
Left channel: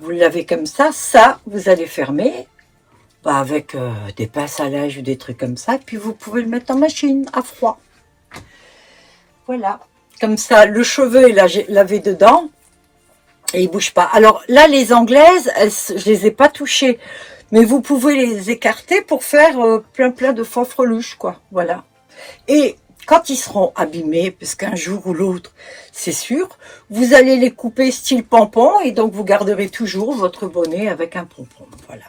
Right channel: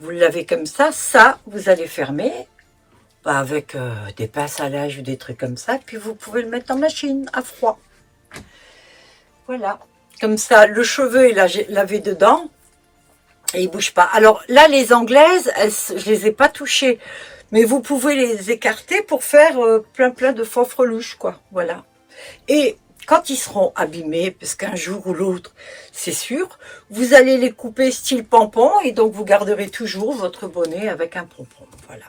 Vous le lavez comme ça. Ça, vous allez fermer avec des pinces à linge ou des trucs comme ça. Puis, vous pouvez le mettre en machine à froid. Voilà. Comme ça, le cheveu est lavé dedans. Et il ne bouge pas. Alors là, les anglaises, je les ai pas touchées. Mais vous pouvez les écarter pour faire plein de faux freluches, quoi. Voilà. Et quand ils seront abîmés, parce qu'un jour ou l'autre, c'est sûr, vous allez les couper style pompon et donc vous garderez toujours votre bonnet avec un pompon. Voilà.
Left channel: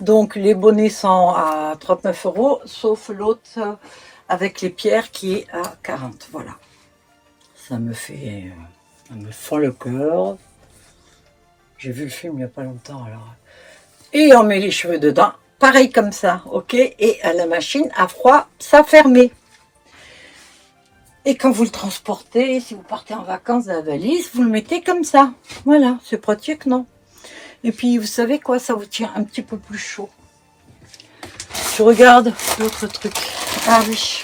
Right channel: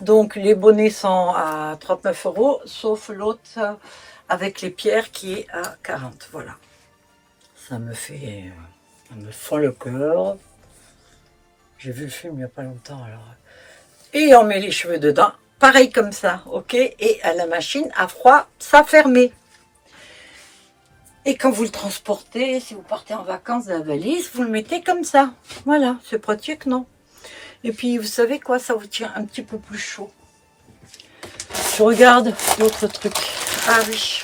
Donc les bonnets sont à 39 €, sauf l'autre avec les pierres qui est à 40. Voilà. Ça me fend le cœur. J'ai vu le film il n'y a pas longtemps alors. Et on met les cheveux dedans, pareil comme ça, ok? Et à la machine, à froid, ça fermé. Et quand vous le transportez, si vous partez en vacances dans la valise, vous le mettez comme ça. Voilà, c'est pratique, non? Et puis, vous savez quoi, ça vous tient un petit peu plus chaud. Je regarde d'autres trucs. Ah oui.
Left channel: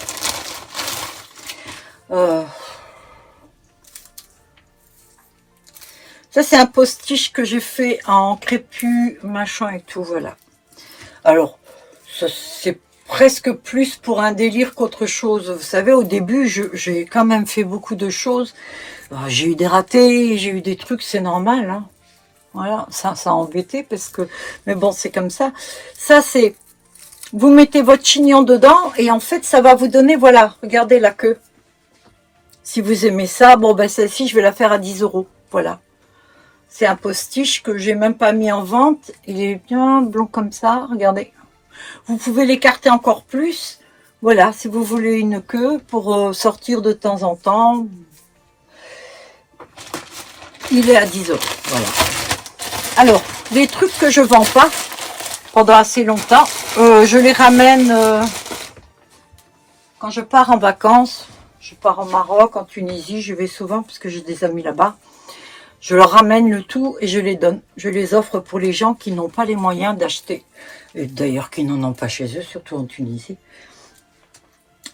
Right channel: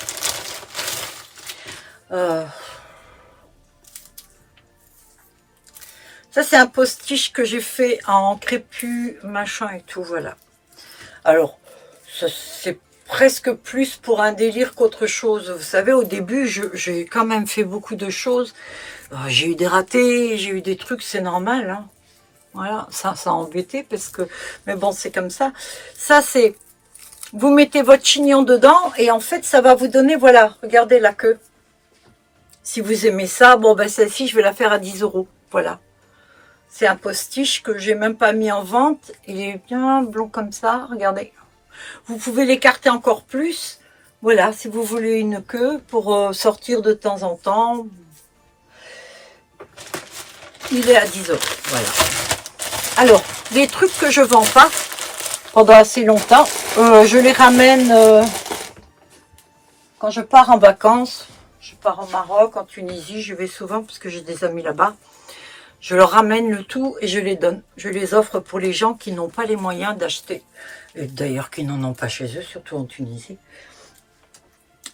Ça, c'est un postiche que j'ai fait en crépu, machin et tout, voilà. Alors, c'est presque plus pour un délire qu'autre chose. Vous savez, au début, j'ai quand même fait beaucoup de choses. J'ai eu des ratés, j'ai eu des trucs, c'est normal, hein. Voilà, ça a embêté parce que... Mais bon, c'est comme ça. Ça, c'est... Vous mettez votre chignon dedans et en fait, ça va vous donner, voilà, regardez la queue. Si vous aimez ça, bon, ben celle-ci, je vais la faire à 10 €. Voilà. C'est un postiche que j'ai même pas mis en vente. Il est bien blond comme ça, regardez. Vous pouvez l'écarter encore plus. Voilà, si vous voulez une queue pour sortir de temps en temps. Il est à 10 €. Voilà. Alors, les trucs que je vends pas pendant assez longtemps, je les ramène quand je pars en vacances. Je pars en Maroc, en Tunisie, je vais souvent parce que j'ai des amis là-bas. Je leur ramène le tout et je les donne. Je les offre pour les gens qui n'ont pas les moyens d'acheter. D'ailleurs, qui n'en ont pas chez eux, surtout en Tunisie.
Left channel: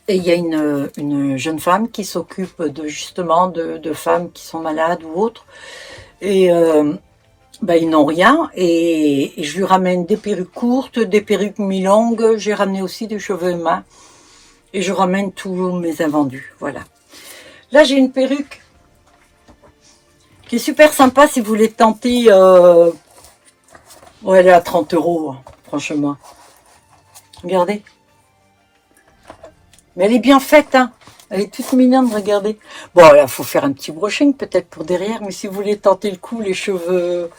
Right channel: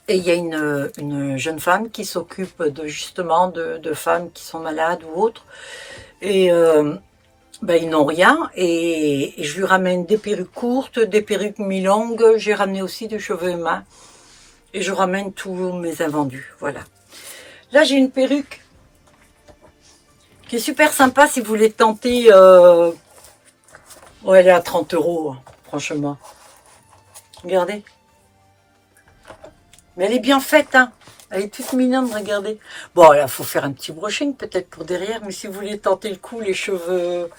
Et il y a une jeune femme qui s'occupe justement de femmes qui sont malades ou autres. Et ils n'ont rien. Et je lui ramène des perruques courtes, des perruques mi-longues. J'ai ramené aussi des cheveux humains. Et je ramène tous mes invendus. Voilà. Là, j'ai une perruque qui est super sympa si vous voulez tenter. Ouais, elle est à 30 €, hein, franchement. Regardez. Mais elle est bien faite, hein. Elle est toute mignonne, regardez. Bon, là, il faut faire un petit brushing peut-être pour derrière, mais si vous voulez tenter le coup, les cheveux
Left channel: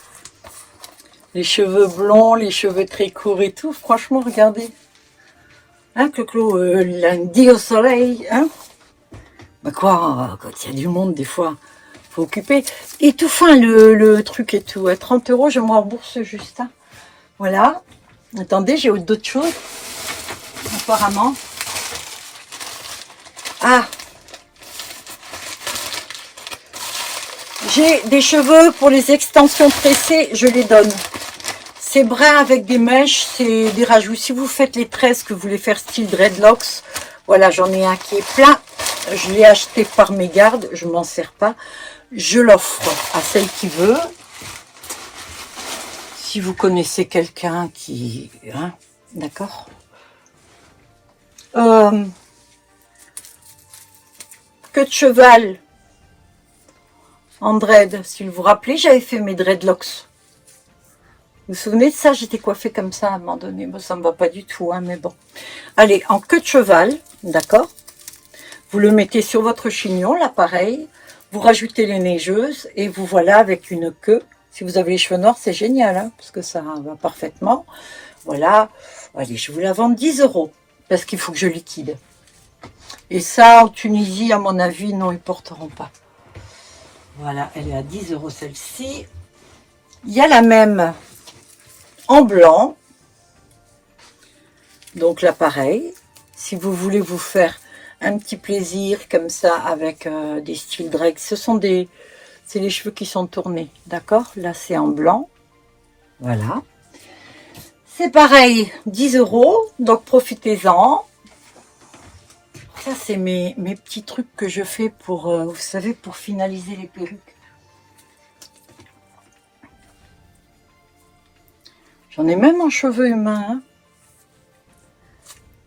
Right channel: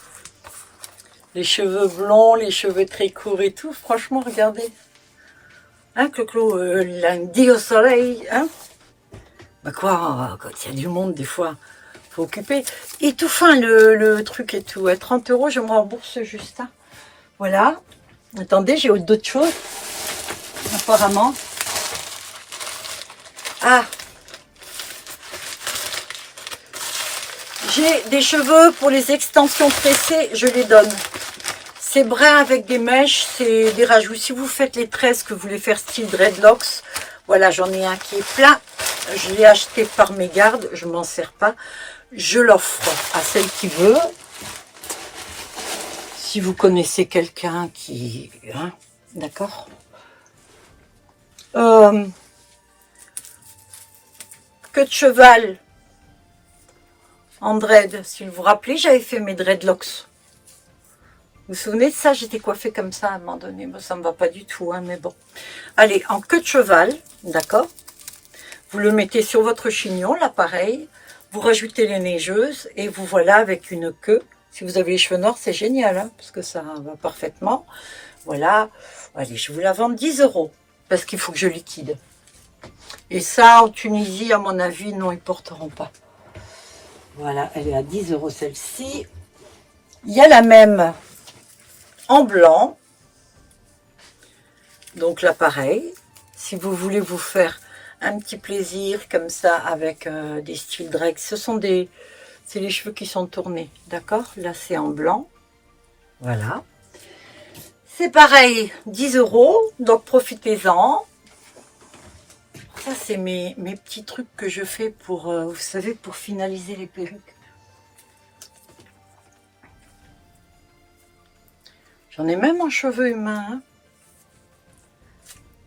blonds, les cheveux très courts et tout, franchement, regardez. Hein, Clo-Clo, lundi au soleil, hein. Bah quoi, quand il y a du monde, des fois, faut occuper. Et tout fin, le truc et tout. À 30 €, je me rembourse juste. Hein. Voilà. Attendez, j'ai d'autres choses. Apparemment. Ah. J'ai des cheveux pour les extensions tressées, je les donne. C'est brun avec des mèches, c'est des rajouts. Si vous faites les tresses, que vous voulez faire style dreadlocks, voilà, j'en ai un qui est plein. Je l'ai acheté par mégarde, je m'en sers pas. Je l'offre à celle qui veut. Si vous connaissez quelqu'un qui... Hein, d'accord. Queue de cheval en dread. Si vous vous rappelez, j'avais fait mes dreadlocks. Vous vous souvenez de ça? J'étais coiffée comme ça à un moment donné. Bon, ça me va pas du tout, hein, mais bon. Allez, en queue de cheval, d'accord. Vous le mettez sur votre chignon, là, pareil. Vous rajoutez les neigeuses et vous voilà avec une queue. Si vous avez les cheveux noirs, c'est génial, hein, parce que ça va parfaitement. Voilà. Allez, je vous la vends 10 €, parce qu'il faut que je liquide. Et ça, en Tunisie, à mon avis, non, ils porteront pas. Voilà, elle est à 10 € celle-ci. Il y a la même en blanc. Donc là, pareil. Si vous voulez vous faire un petit plaisir comme ça avec des styles dread, c'est les cheveux qui sont tournés, d'accord? Là, c'est en blanc. Voilà. C'est pareil, 10 €. Donc, profitez-en. Ça, c'est mes petits trucs que je fais pour, vous savez, pour finaliser les perruques. J'en ai même en cheveux humains. Hein.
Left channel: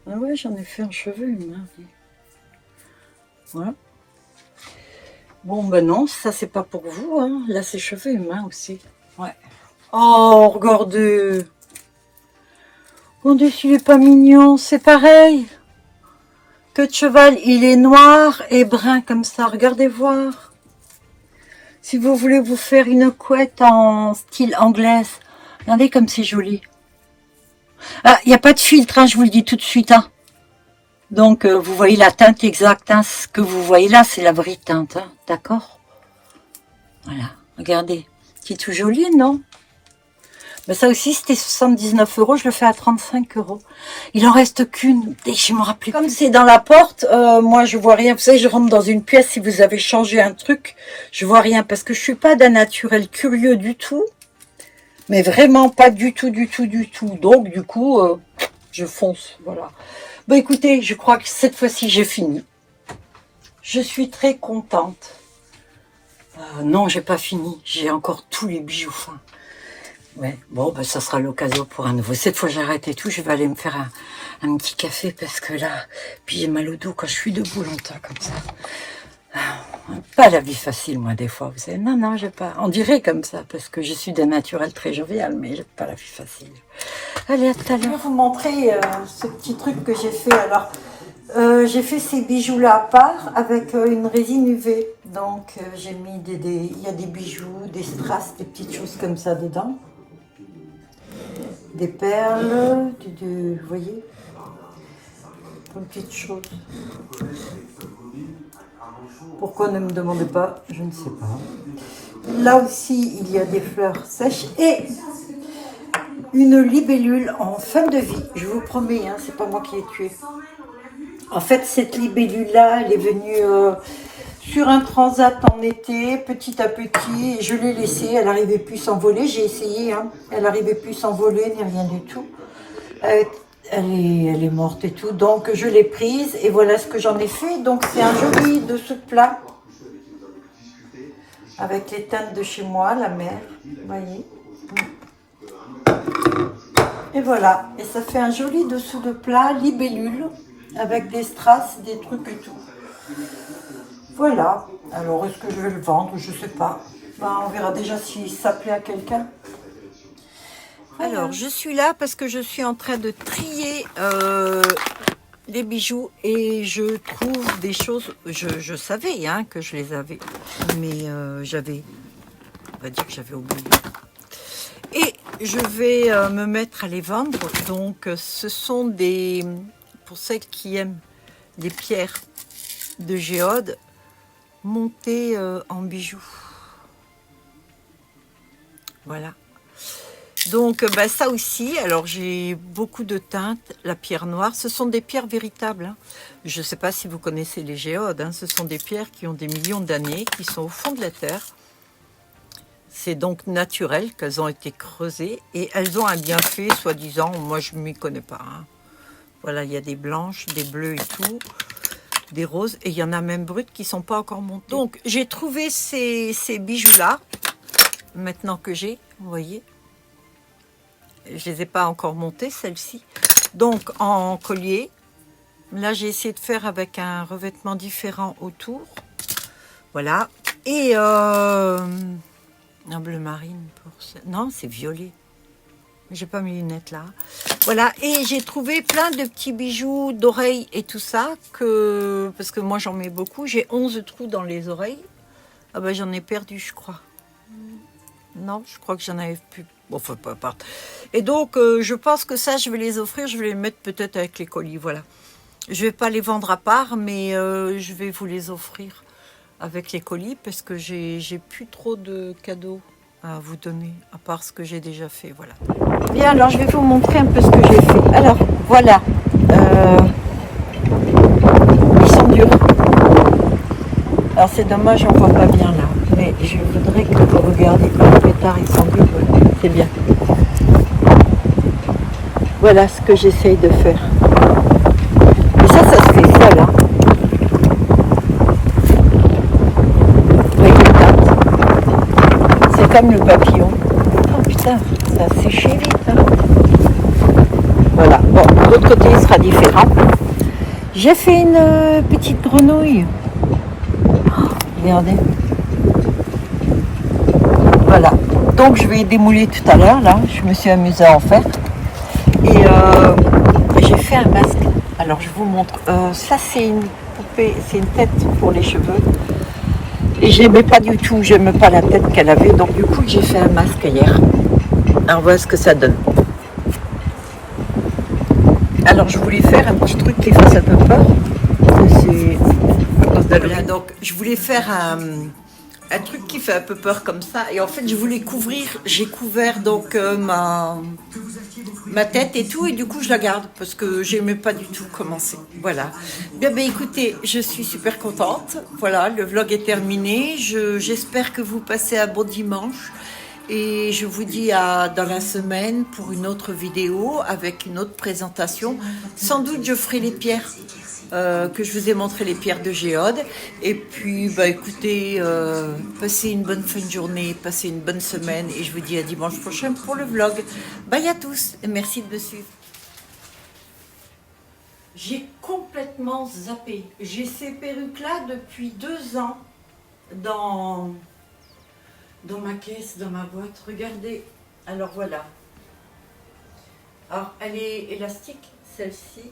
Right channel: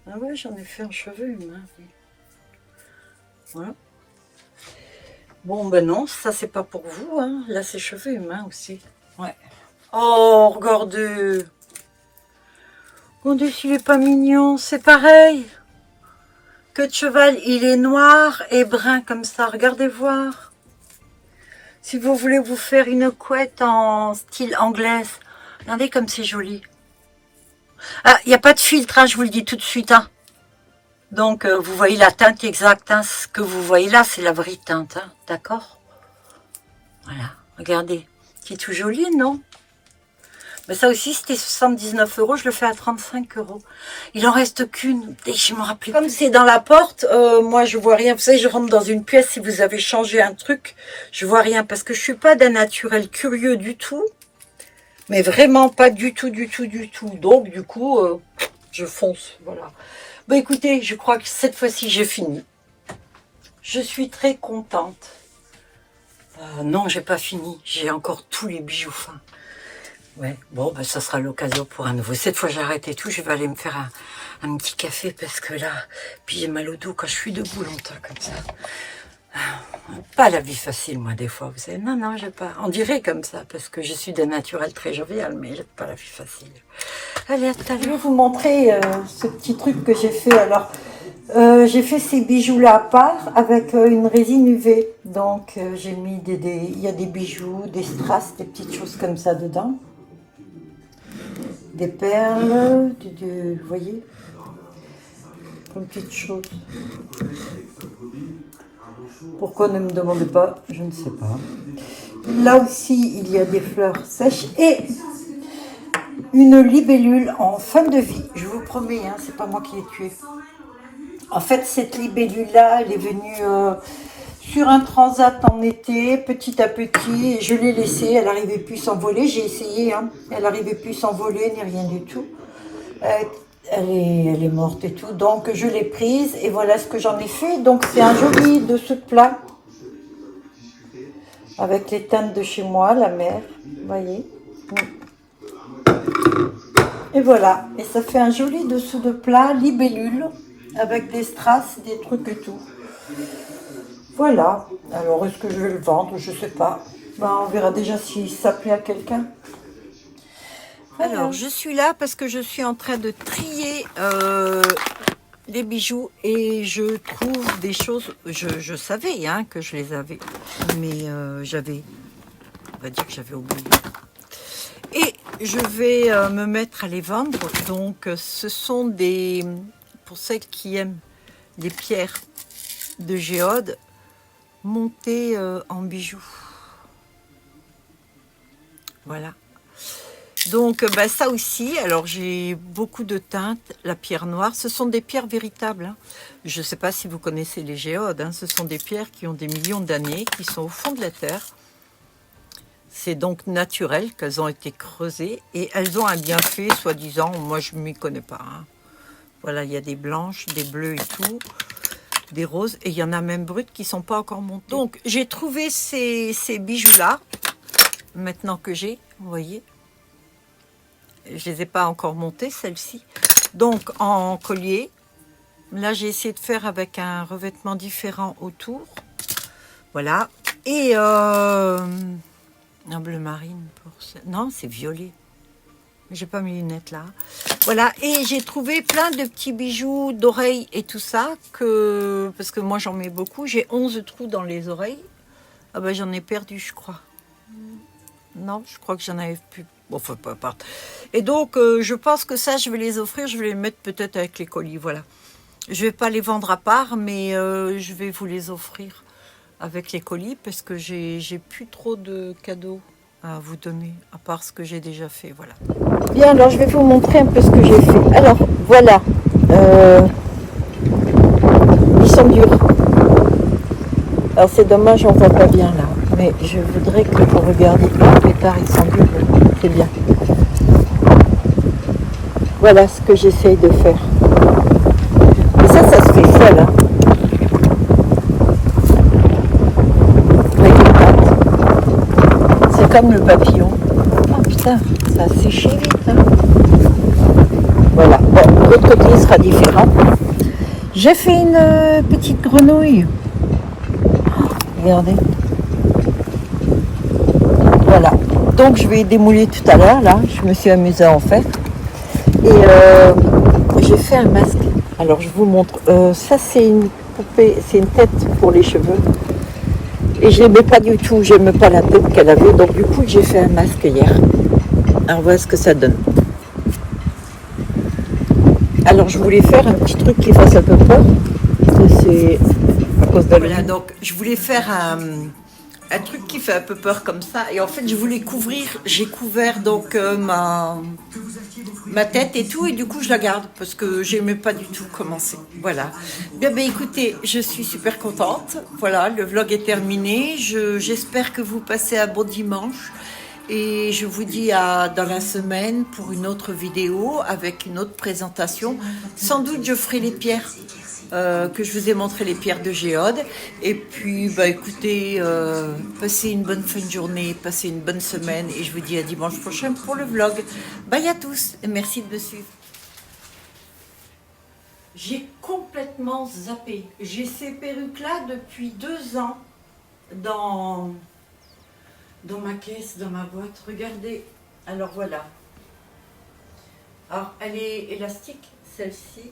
Ah ouais, j'en ai fait en cheveux humains. Voilà. Bon, ben non, ça, c'est pas pour vous. Hein. Là, c'est cheveux humains aussi. Ouais. Oh, regardez. Regardez s'il est pas mignon. C'est pareil. Queue de cheval, il est noir et brun comme ça. Regardez voir. Si vous voulez vous faire une couette en style anglaise, regardez comme c'est joli. Ah, il n'y a pas de filtre, hein, je vous le dis tout de suite. Hein. Donc, vous voyez la teinte exacte. Hein, ce que vous voyez là, c'est la vraie teinte. Hein, d'accord? Voilà, regardez. C'est tout joli, non? Mais ça aussi, c'était 79 €. Je le fais à 35 €. Il en reste qu'une. Dès que je me rappelle. Comme c'est dans la porte, moi, je vois rien. Vous savez, je rentre dans une pièce. Si vous avez changé un truc, je vois rien. Parce que je suis pas d'un naturel curieux du tout. Mais vraiment pas du tout, du tout, du tout. Donc, du coup, je fonce. Voilà. Bon, écoutez, je crois que cette fois-ci, j'ai fini. Je suis très contente. Non, j'ai pas fini. J'ai encore tous les bijoux fins. Ouais, bon, ben, ça sera l'occasion pour un nouveau. Cette fois, j'arrête et tout. Je vais aller me faire un petit café parce que là, puis j'ai mal au dos quand je suis debout longtemps comme ça. Pas la vie facile, moi, des fois. Vous savez, non, j'ai pas. On dirait comme ça parce que je suis d'un naturel très jovial, mais j'ai pas la vie facile. Allez, à tout à l'heure. Je vais vous montrer ce petit truc que j'ai fait. Alors, j'ai fait ces bijoux-là à part avec une résine UV. Donc, j'ai mis il y a des bijoux, des strass, des petites choses comme ça dedans. Des perles, vous voyez, comme petites choses. Pourquoi ne me demandez pas, je ne sais pas. Là aussi, il y a des fleurs sèches et une libellule en fin de vie. Je vous promets, hein, c'est pas moi qui l'ai tuée. En fait, cette libellule-là, elle est venue sur un transat en été, petit à petit, et je l'ai laissée. Elle n'arrivait plus à s'envoler. J'ai essayé, hein, elle n'arrivait plus à s'envoler, ni rien du tout. Elle est morte et tout, donc je l'ai prise et voilà ce que j'en ai fait. Donc c'est un joli dessous de plat avec les teintes de chez moi, la mer, vous voyez. Et voilà, et ça fait un joli dessous de plat, libellule, avec des strass, des trucs et tout. Voilà, alors est-ce que je vais le vendre? Je sais pas. Ben, on verra déjà si ça plaît à quelqu'un. Alors, je suis là parce que je suis en train de trier des bijoux et je trouve des choses, je savais hein, que je les avais, mais on va dire que j'avais oublié. Et je vais me mettre à les vendre, donc ce sont des, pour celles qui aiment des pierres de géode montées en bijoux. Voilà. Donc ça aussi, alors j'ai beaucoup de teintes, la pierre noire, ce sont des pierres véritables. Hein. Je ne sais pas si vous connaissez les géodes, hein. Ce sont des pierres qui ont des millions d'années, qui sont au fond de la terre. C'est donc naturel qu'elles ont été creusées et elles ont un bienfait, soi-disant, moi je ne m'y connais pas. Hein. Voilà, il y a des blanches, des bleues et tout, des roses, et il y en a même brutes qui ne sont pas encore montées. Donc j'ai trouvé ces bijoux-là, maintenant que j'ai, vous voyez. Je ne les ai pas encore montées, celles-ci. Donc, en collier. Là, j'ai essayé de faire avec un revêtement différent autour. Voilà. Et un bleu marine. Non, c'est violet. J'ai pas mes lunettes là. Voilà. Et j'ai trouvé plein de petits bijoux d'oreilles et tout ça. Parce que moi, j'en mets beaucoup. J'ai 11 trous dans les oreilles. Ah ben, j'en ai perdu, je crois. Non, je crois que j'en avais plus. Bon, enfin, peu importe. Et donc, je pense que ça, je vais les offrir. Je vais les mettre peut-être avec les colis, voilà. Je vais pas les vendre à part, mais je vais vous les offrir avec les colis parce que j'ai plus trop de cadeaux à vous donner, à part ce que j'ai déjà fait, voilà. Bien, alors je vais vous montrer un peu ce que j'ai fait. Alors, voilà. Ils sont durs. Alors, c'est dommage, on voit pas bien là. Mais je voudrais que vous regardiez les pétards, ils sont durs. C'est bien. Voilà ce que j'essaye de faire. Et ça se fait seul. Hein. Avec les pattes. C'est comme le papillon. Oh putain, ça a séché vite. Hein. Voilà. Bon, l'autre côté il sera différent. J'ai fait une petite grenouille. Oh, regardez. Voilà. Donc je vais démouler tout à l'heure. Là, je me suis amusée à en faire. Et j'ai fait un masque. Alors je vous montre. Ça c'est une poupée, c'est une tête pour les cheveux. Et je n'aimais pas du tout, j'aime pas la tête qu'elle avait. Donc du coup j'ai fait un masque hier. Alors voilà ce que ça donne. Alors je voulais faire un petit truc qui fasse un peu peur. Parce que c'est à cause de voilà, donc je voulais faire un truc qui fait un peu peur comme ça. Et en fait je voulais couvrir, j'ai couvert donc ma tête et tout, et du coup je la garde parce que j'aimais pas du tout commencer. Voilà. Bien, écoutez, je suis super contente. Voilà, le vlog est terminé. J'espère que vous passez un bon dimanche et je vous dis à dans la semaine pour une autre vidéo avec une autre présentation. Sans doute je ferai les pierres. Que je vous ai montré les pierres de géode. Et puis, écoutez, passez une bonne fin de journée, passez une bonne semaine. Et je vous dis à dimanche prochain pour le vlog. Bye à tous et merci de me suivre. J'ai complètement zappé. J'ai ces perruques-là depuis 2 ans dans ma caisse, dans ma boîte. Regardez. Alors voilà. Alors, elle est élastique, celle-ci.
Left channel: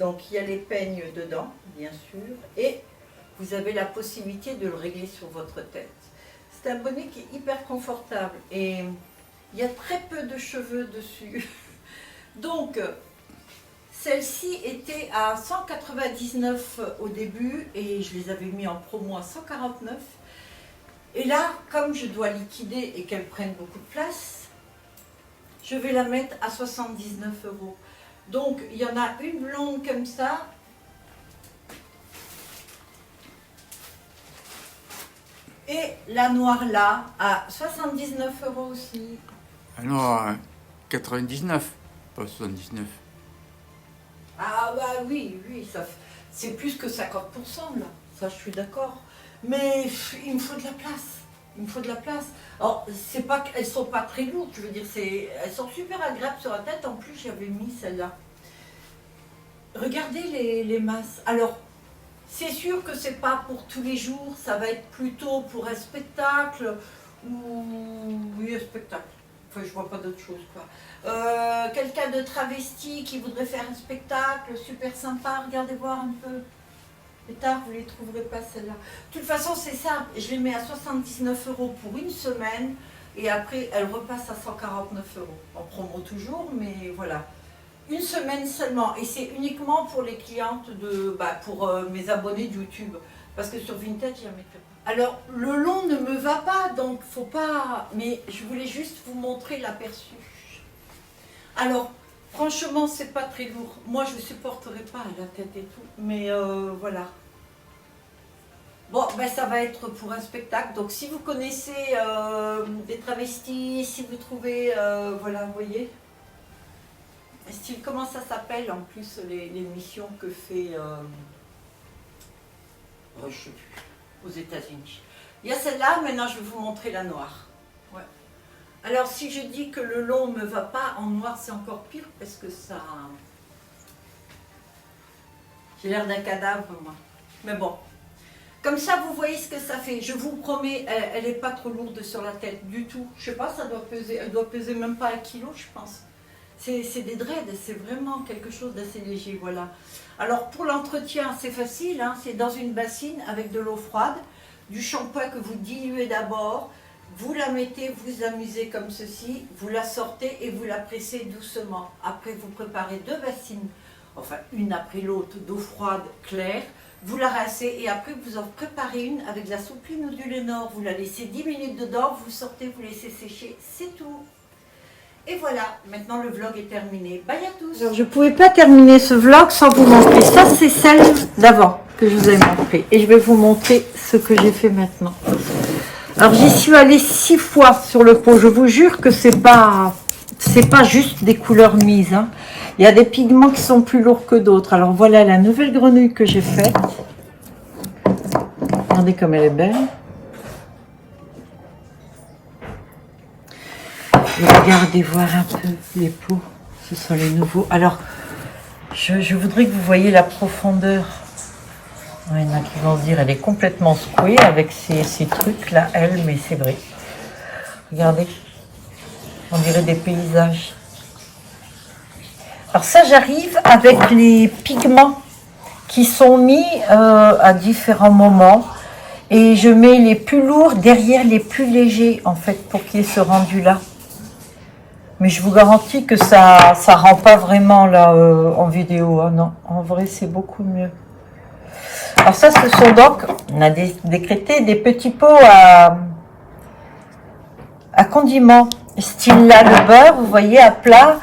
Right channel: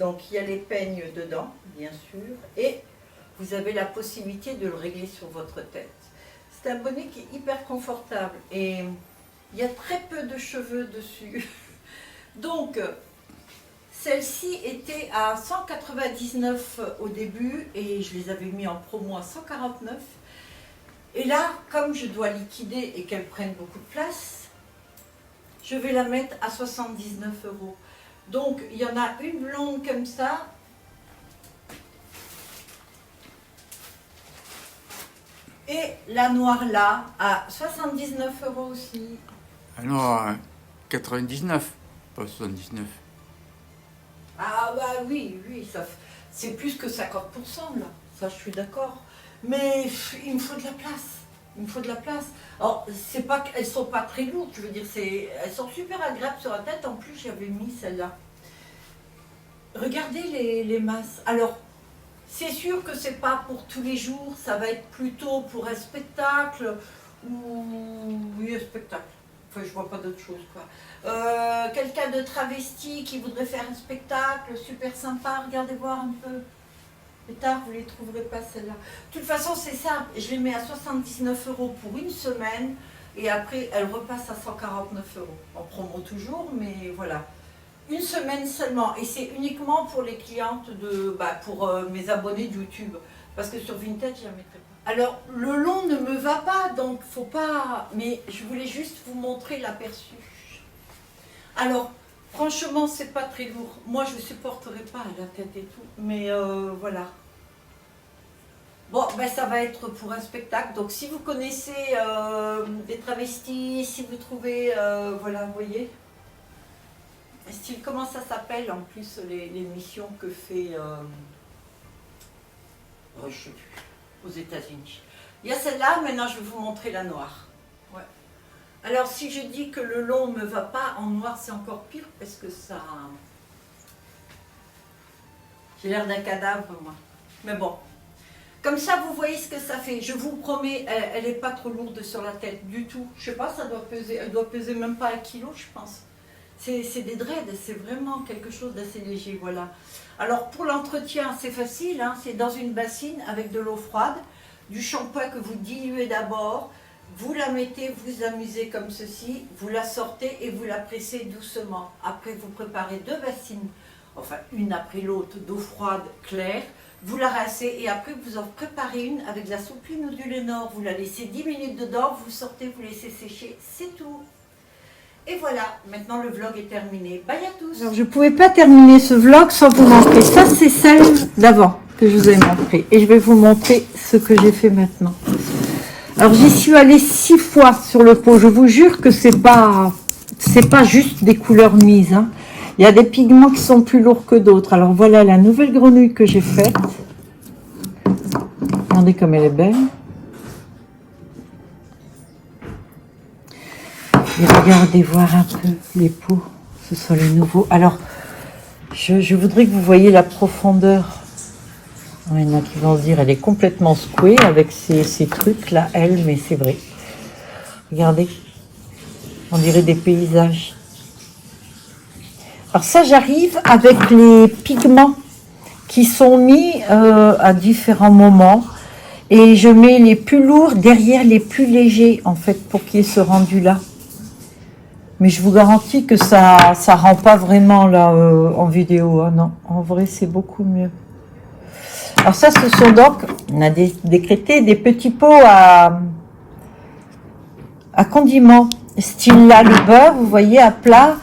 Donc il y a les peignes dedans, bien sûr, et vous avez la possibilité de le régler sur votre tête. C'est un bonnet qui est hyper confortable et il y a très peu de cheveux dessus. Donc celle-ci était à 199 au début et je les avais mis en promo à 149. Et là, comme je dois liquider et qu'elle prenne beaucoup de place, je vais la mettre à 79 €. Donc, il y en a une blonde comme ça. Et la noire là, à 79 € aussi. Ah non, 99, pas 79. Ah bah oui, c'est plus que 50% là. Ça, je suis d'accord. Mais il me faut de la place. Il me faut de la place. Alors, c'est pas qu'elles sont pas très lourdes, je veux dire, elles sont super agréables sur la tête. En plus, j'avais mis celle-là. Regardez les masses. Alors, c'est sûr que c'est pas pour tous les jours. Ça va être plutôt pour un spectacle ou oui, un spectacle. Enfin, je vois pas d'autre chose, quoi. Quelqu'un de travesti qui voudrait faire un spectacle super sympa, regardez voir un peu. Plus tard, vous les trouverez pas celles-là. De toute façon, c'est simple. Je les mets à 79 € pour une semaine et après, elles repassent à 149 €. En promo toujours, mais voilà. Une semaine seulement. Et c'est uniquement pour les clientes pour mes abonnés de YouTube. Parce que sur Vinted, je ne la mettrai pas. Alors, le long ne me va pas, donc faut pas... Mais je voulais juste vous montrer l'aperçu. Alors, franchement, c'est pas très lourd. Moi, je ne supporterai pas la tête et tout. Mais voilà. Bon, ben ça va être pour un spectacle. Donc, si vous connaissez des travestis, si vous trouvez... voilà, vous voyez. Style, comment ça s'appelle en plus l'émission que fait... je ne sais plus. Aux États-Unis. Il y a celle-là, maintenant je vais vous montrer la noire. Ouais. Alors si je dis que le long ne me va pas, en noir c'est encore pire parce que ça... J'ai l'air d'un cadavre moi. Mais bon. Comme ça vous voyez ce que ça fait. Je vous promets, elle n'est pas trop lourde sur la tête du tout. Je sais pas, ça doit peser, elle doit peser même pas 1 kilo je pense. C'est des dreads, c'est vraiment quelque chose d'assez léger, voilà. Alors pour l'entretien, c'est facile, hein, c'est dans une bassine avec de l'eau froide, du shampoing que vous diluez d'abord, vous la mettez, vous amusez comme ceci, vous la sortez et vous la pressez doucement. Après vous préparez 2 bassines, enfin une après l'autre, d'eau froide claire, vous la rincez et après vous en préparez une avec de la soupline ou du Lénore, vous la laissez 10 minutes dedans, vous sortez, vous laissez sécher, c'est tout. Et voilà, maintenant le vlog est terminé. Bye à tous. Je ne pouvais pas terminer ce vlog sans vous montrer. Ça, c'est celle d'avant que je vous ai montré. Et je vais vous montrer ce que j'ai fait maintenant. Alors, j'y suis allée 6 fois sur le pot. Je vous jure que c'est pas juste des couleurs mises. Hein. Il y a des pigments qui sont plus lourds que d'autres. Alors, voilà la nouvelle grenouille que j'ai faite. Regardez comme elle est belle. Regardez voir un peu les pots, ce sont les nouveaux. Alors, je voudrais que vous voyez la profondeur. Il y en a qui vont se dire, elle est complètement secouée avec ces trucs-là, elle, mais c'est vrai. Regardez, on dirait des paysages. Alors ça, j'arrive avec les pigments qui sont mis à différents moments. Et je mets les plus lourds derrière les plus légers, en fait, pour qu'il y ait ce rendu-là. Mais je vous garantis que ça rend pas vraiment là en vidéo. Hein, non, en vrai, c'est beaucoup mieux. Alors ça, ce sont donc, on a décrété des petits pots à condiments. Style là, le beurre, vous voyez, à plat.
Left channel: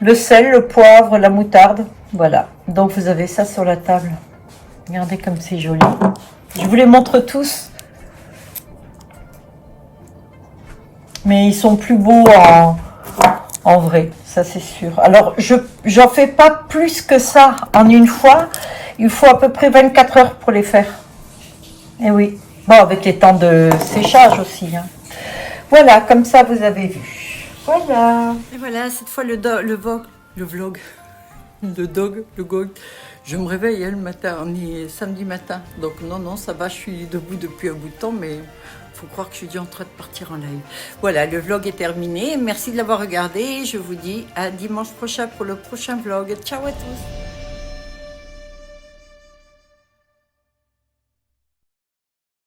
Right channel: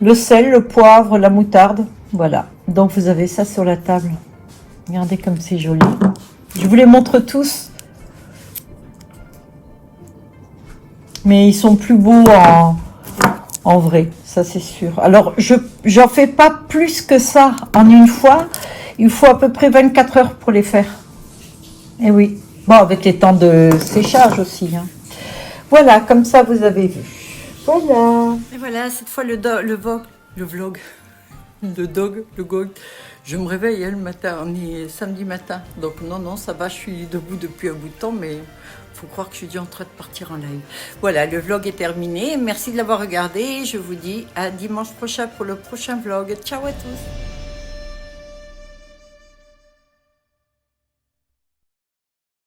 Le sel, le poivre, la moutarde. Voilà. Donc, vous avez ça sur la table. Regardez comme c'est joli. Je vous les montre tous. Mais ils sont plus beaux en vrai, ça c'est sûr. Alors, j'en fais pas plus que ça en une fois. Il faut à peu près 24 heures pour les faire. Et oui. Bon, avec les temps de séchage aussi. Hein. Voilà, comme ça vous avez vu. Voilà. Et voilà, cette fois le vlog. Je me réveille le matin, on est samedi matin. Donc non, ça va, je suis debout depuis un bout de temps, mais faut croire que je suis déjà en train de partir en live. Voilà, le vlog est terminé. Merci de l'avoir regardé. Je vous dis à dimanche prochain pour le prochain vlog. Ciao à tous.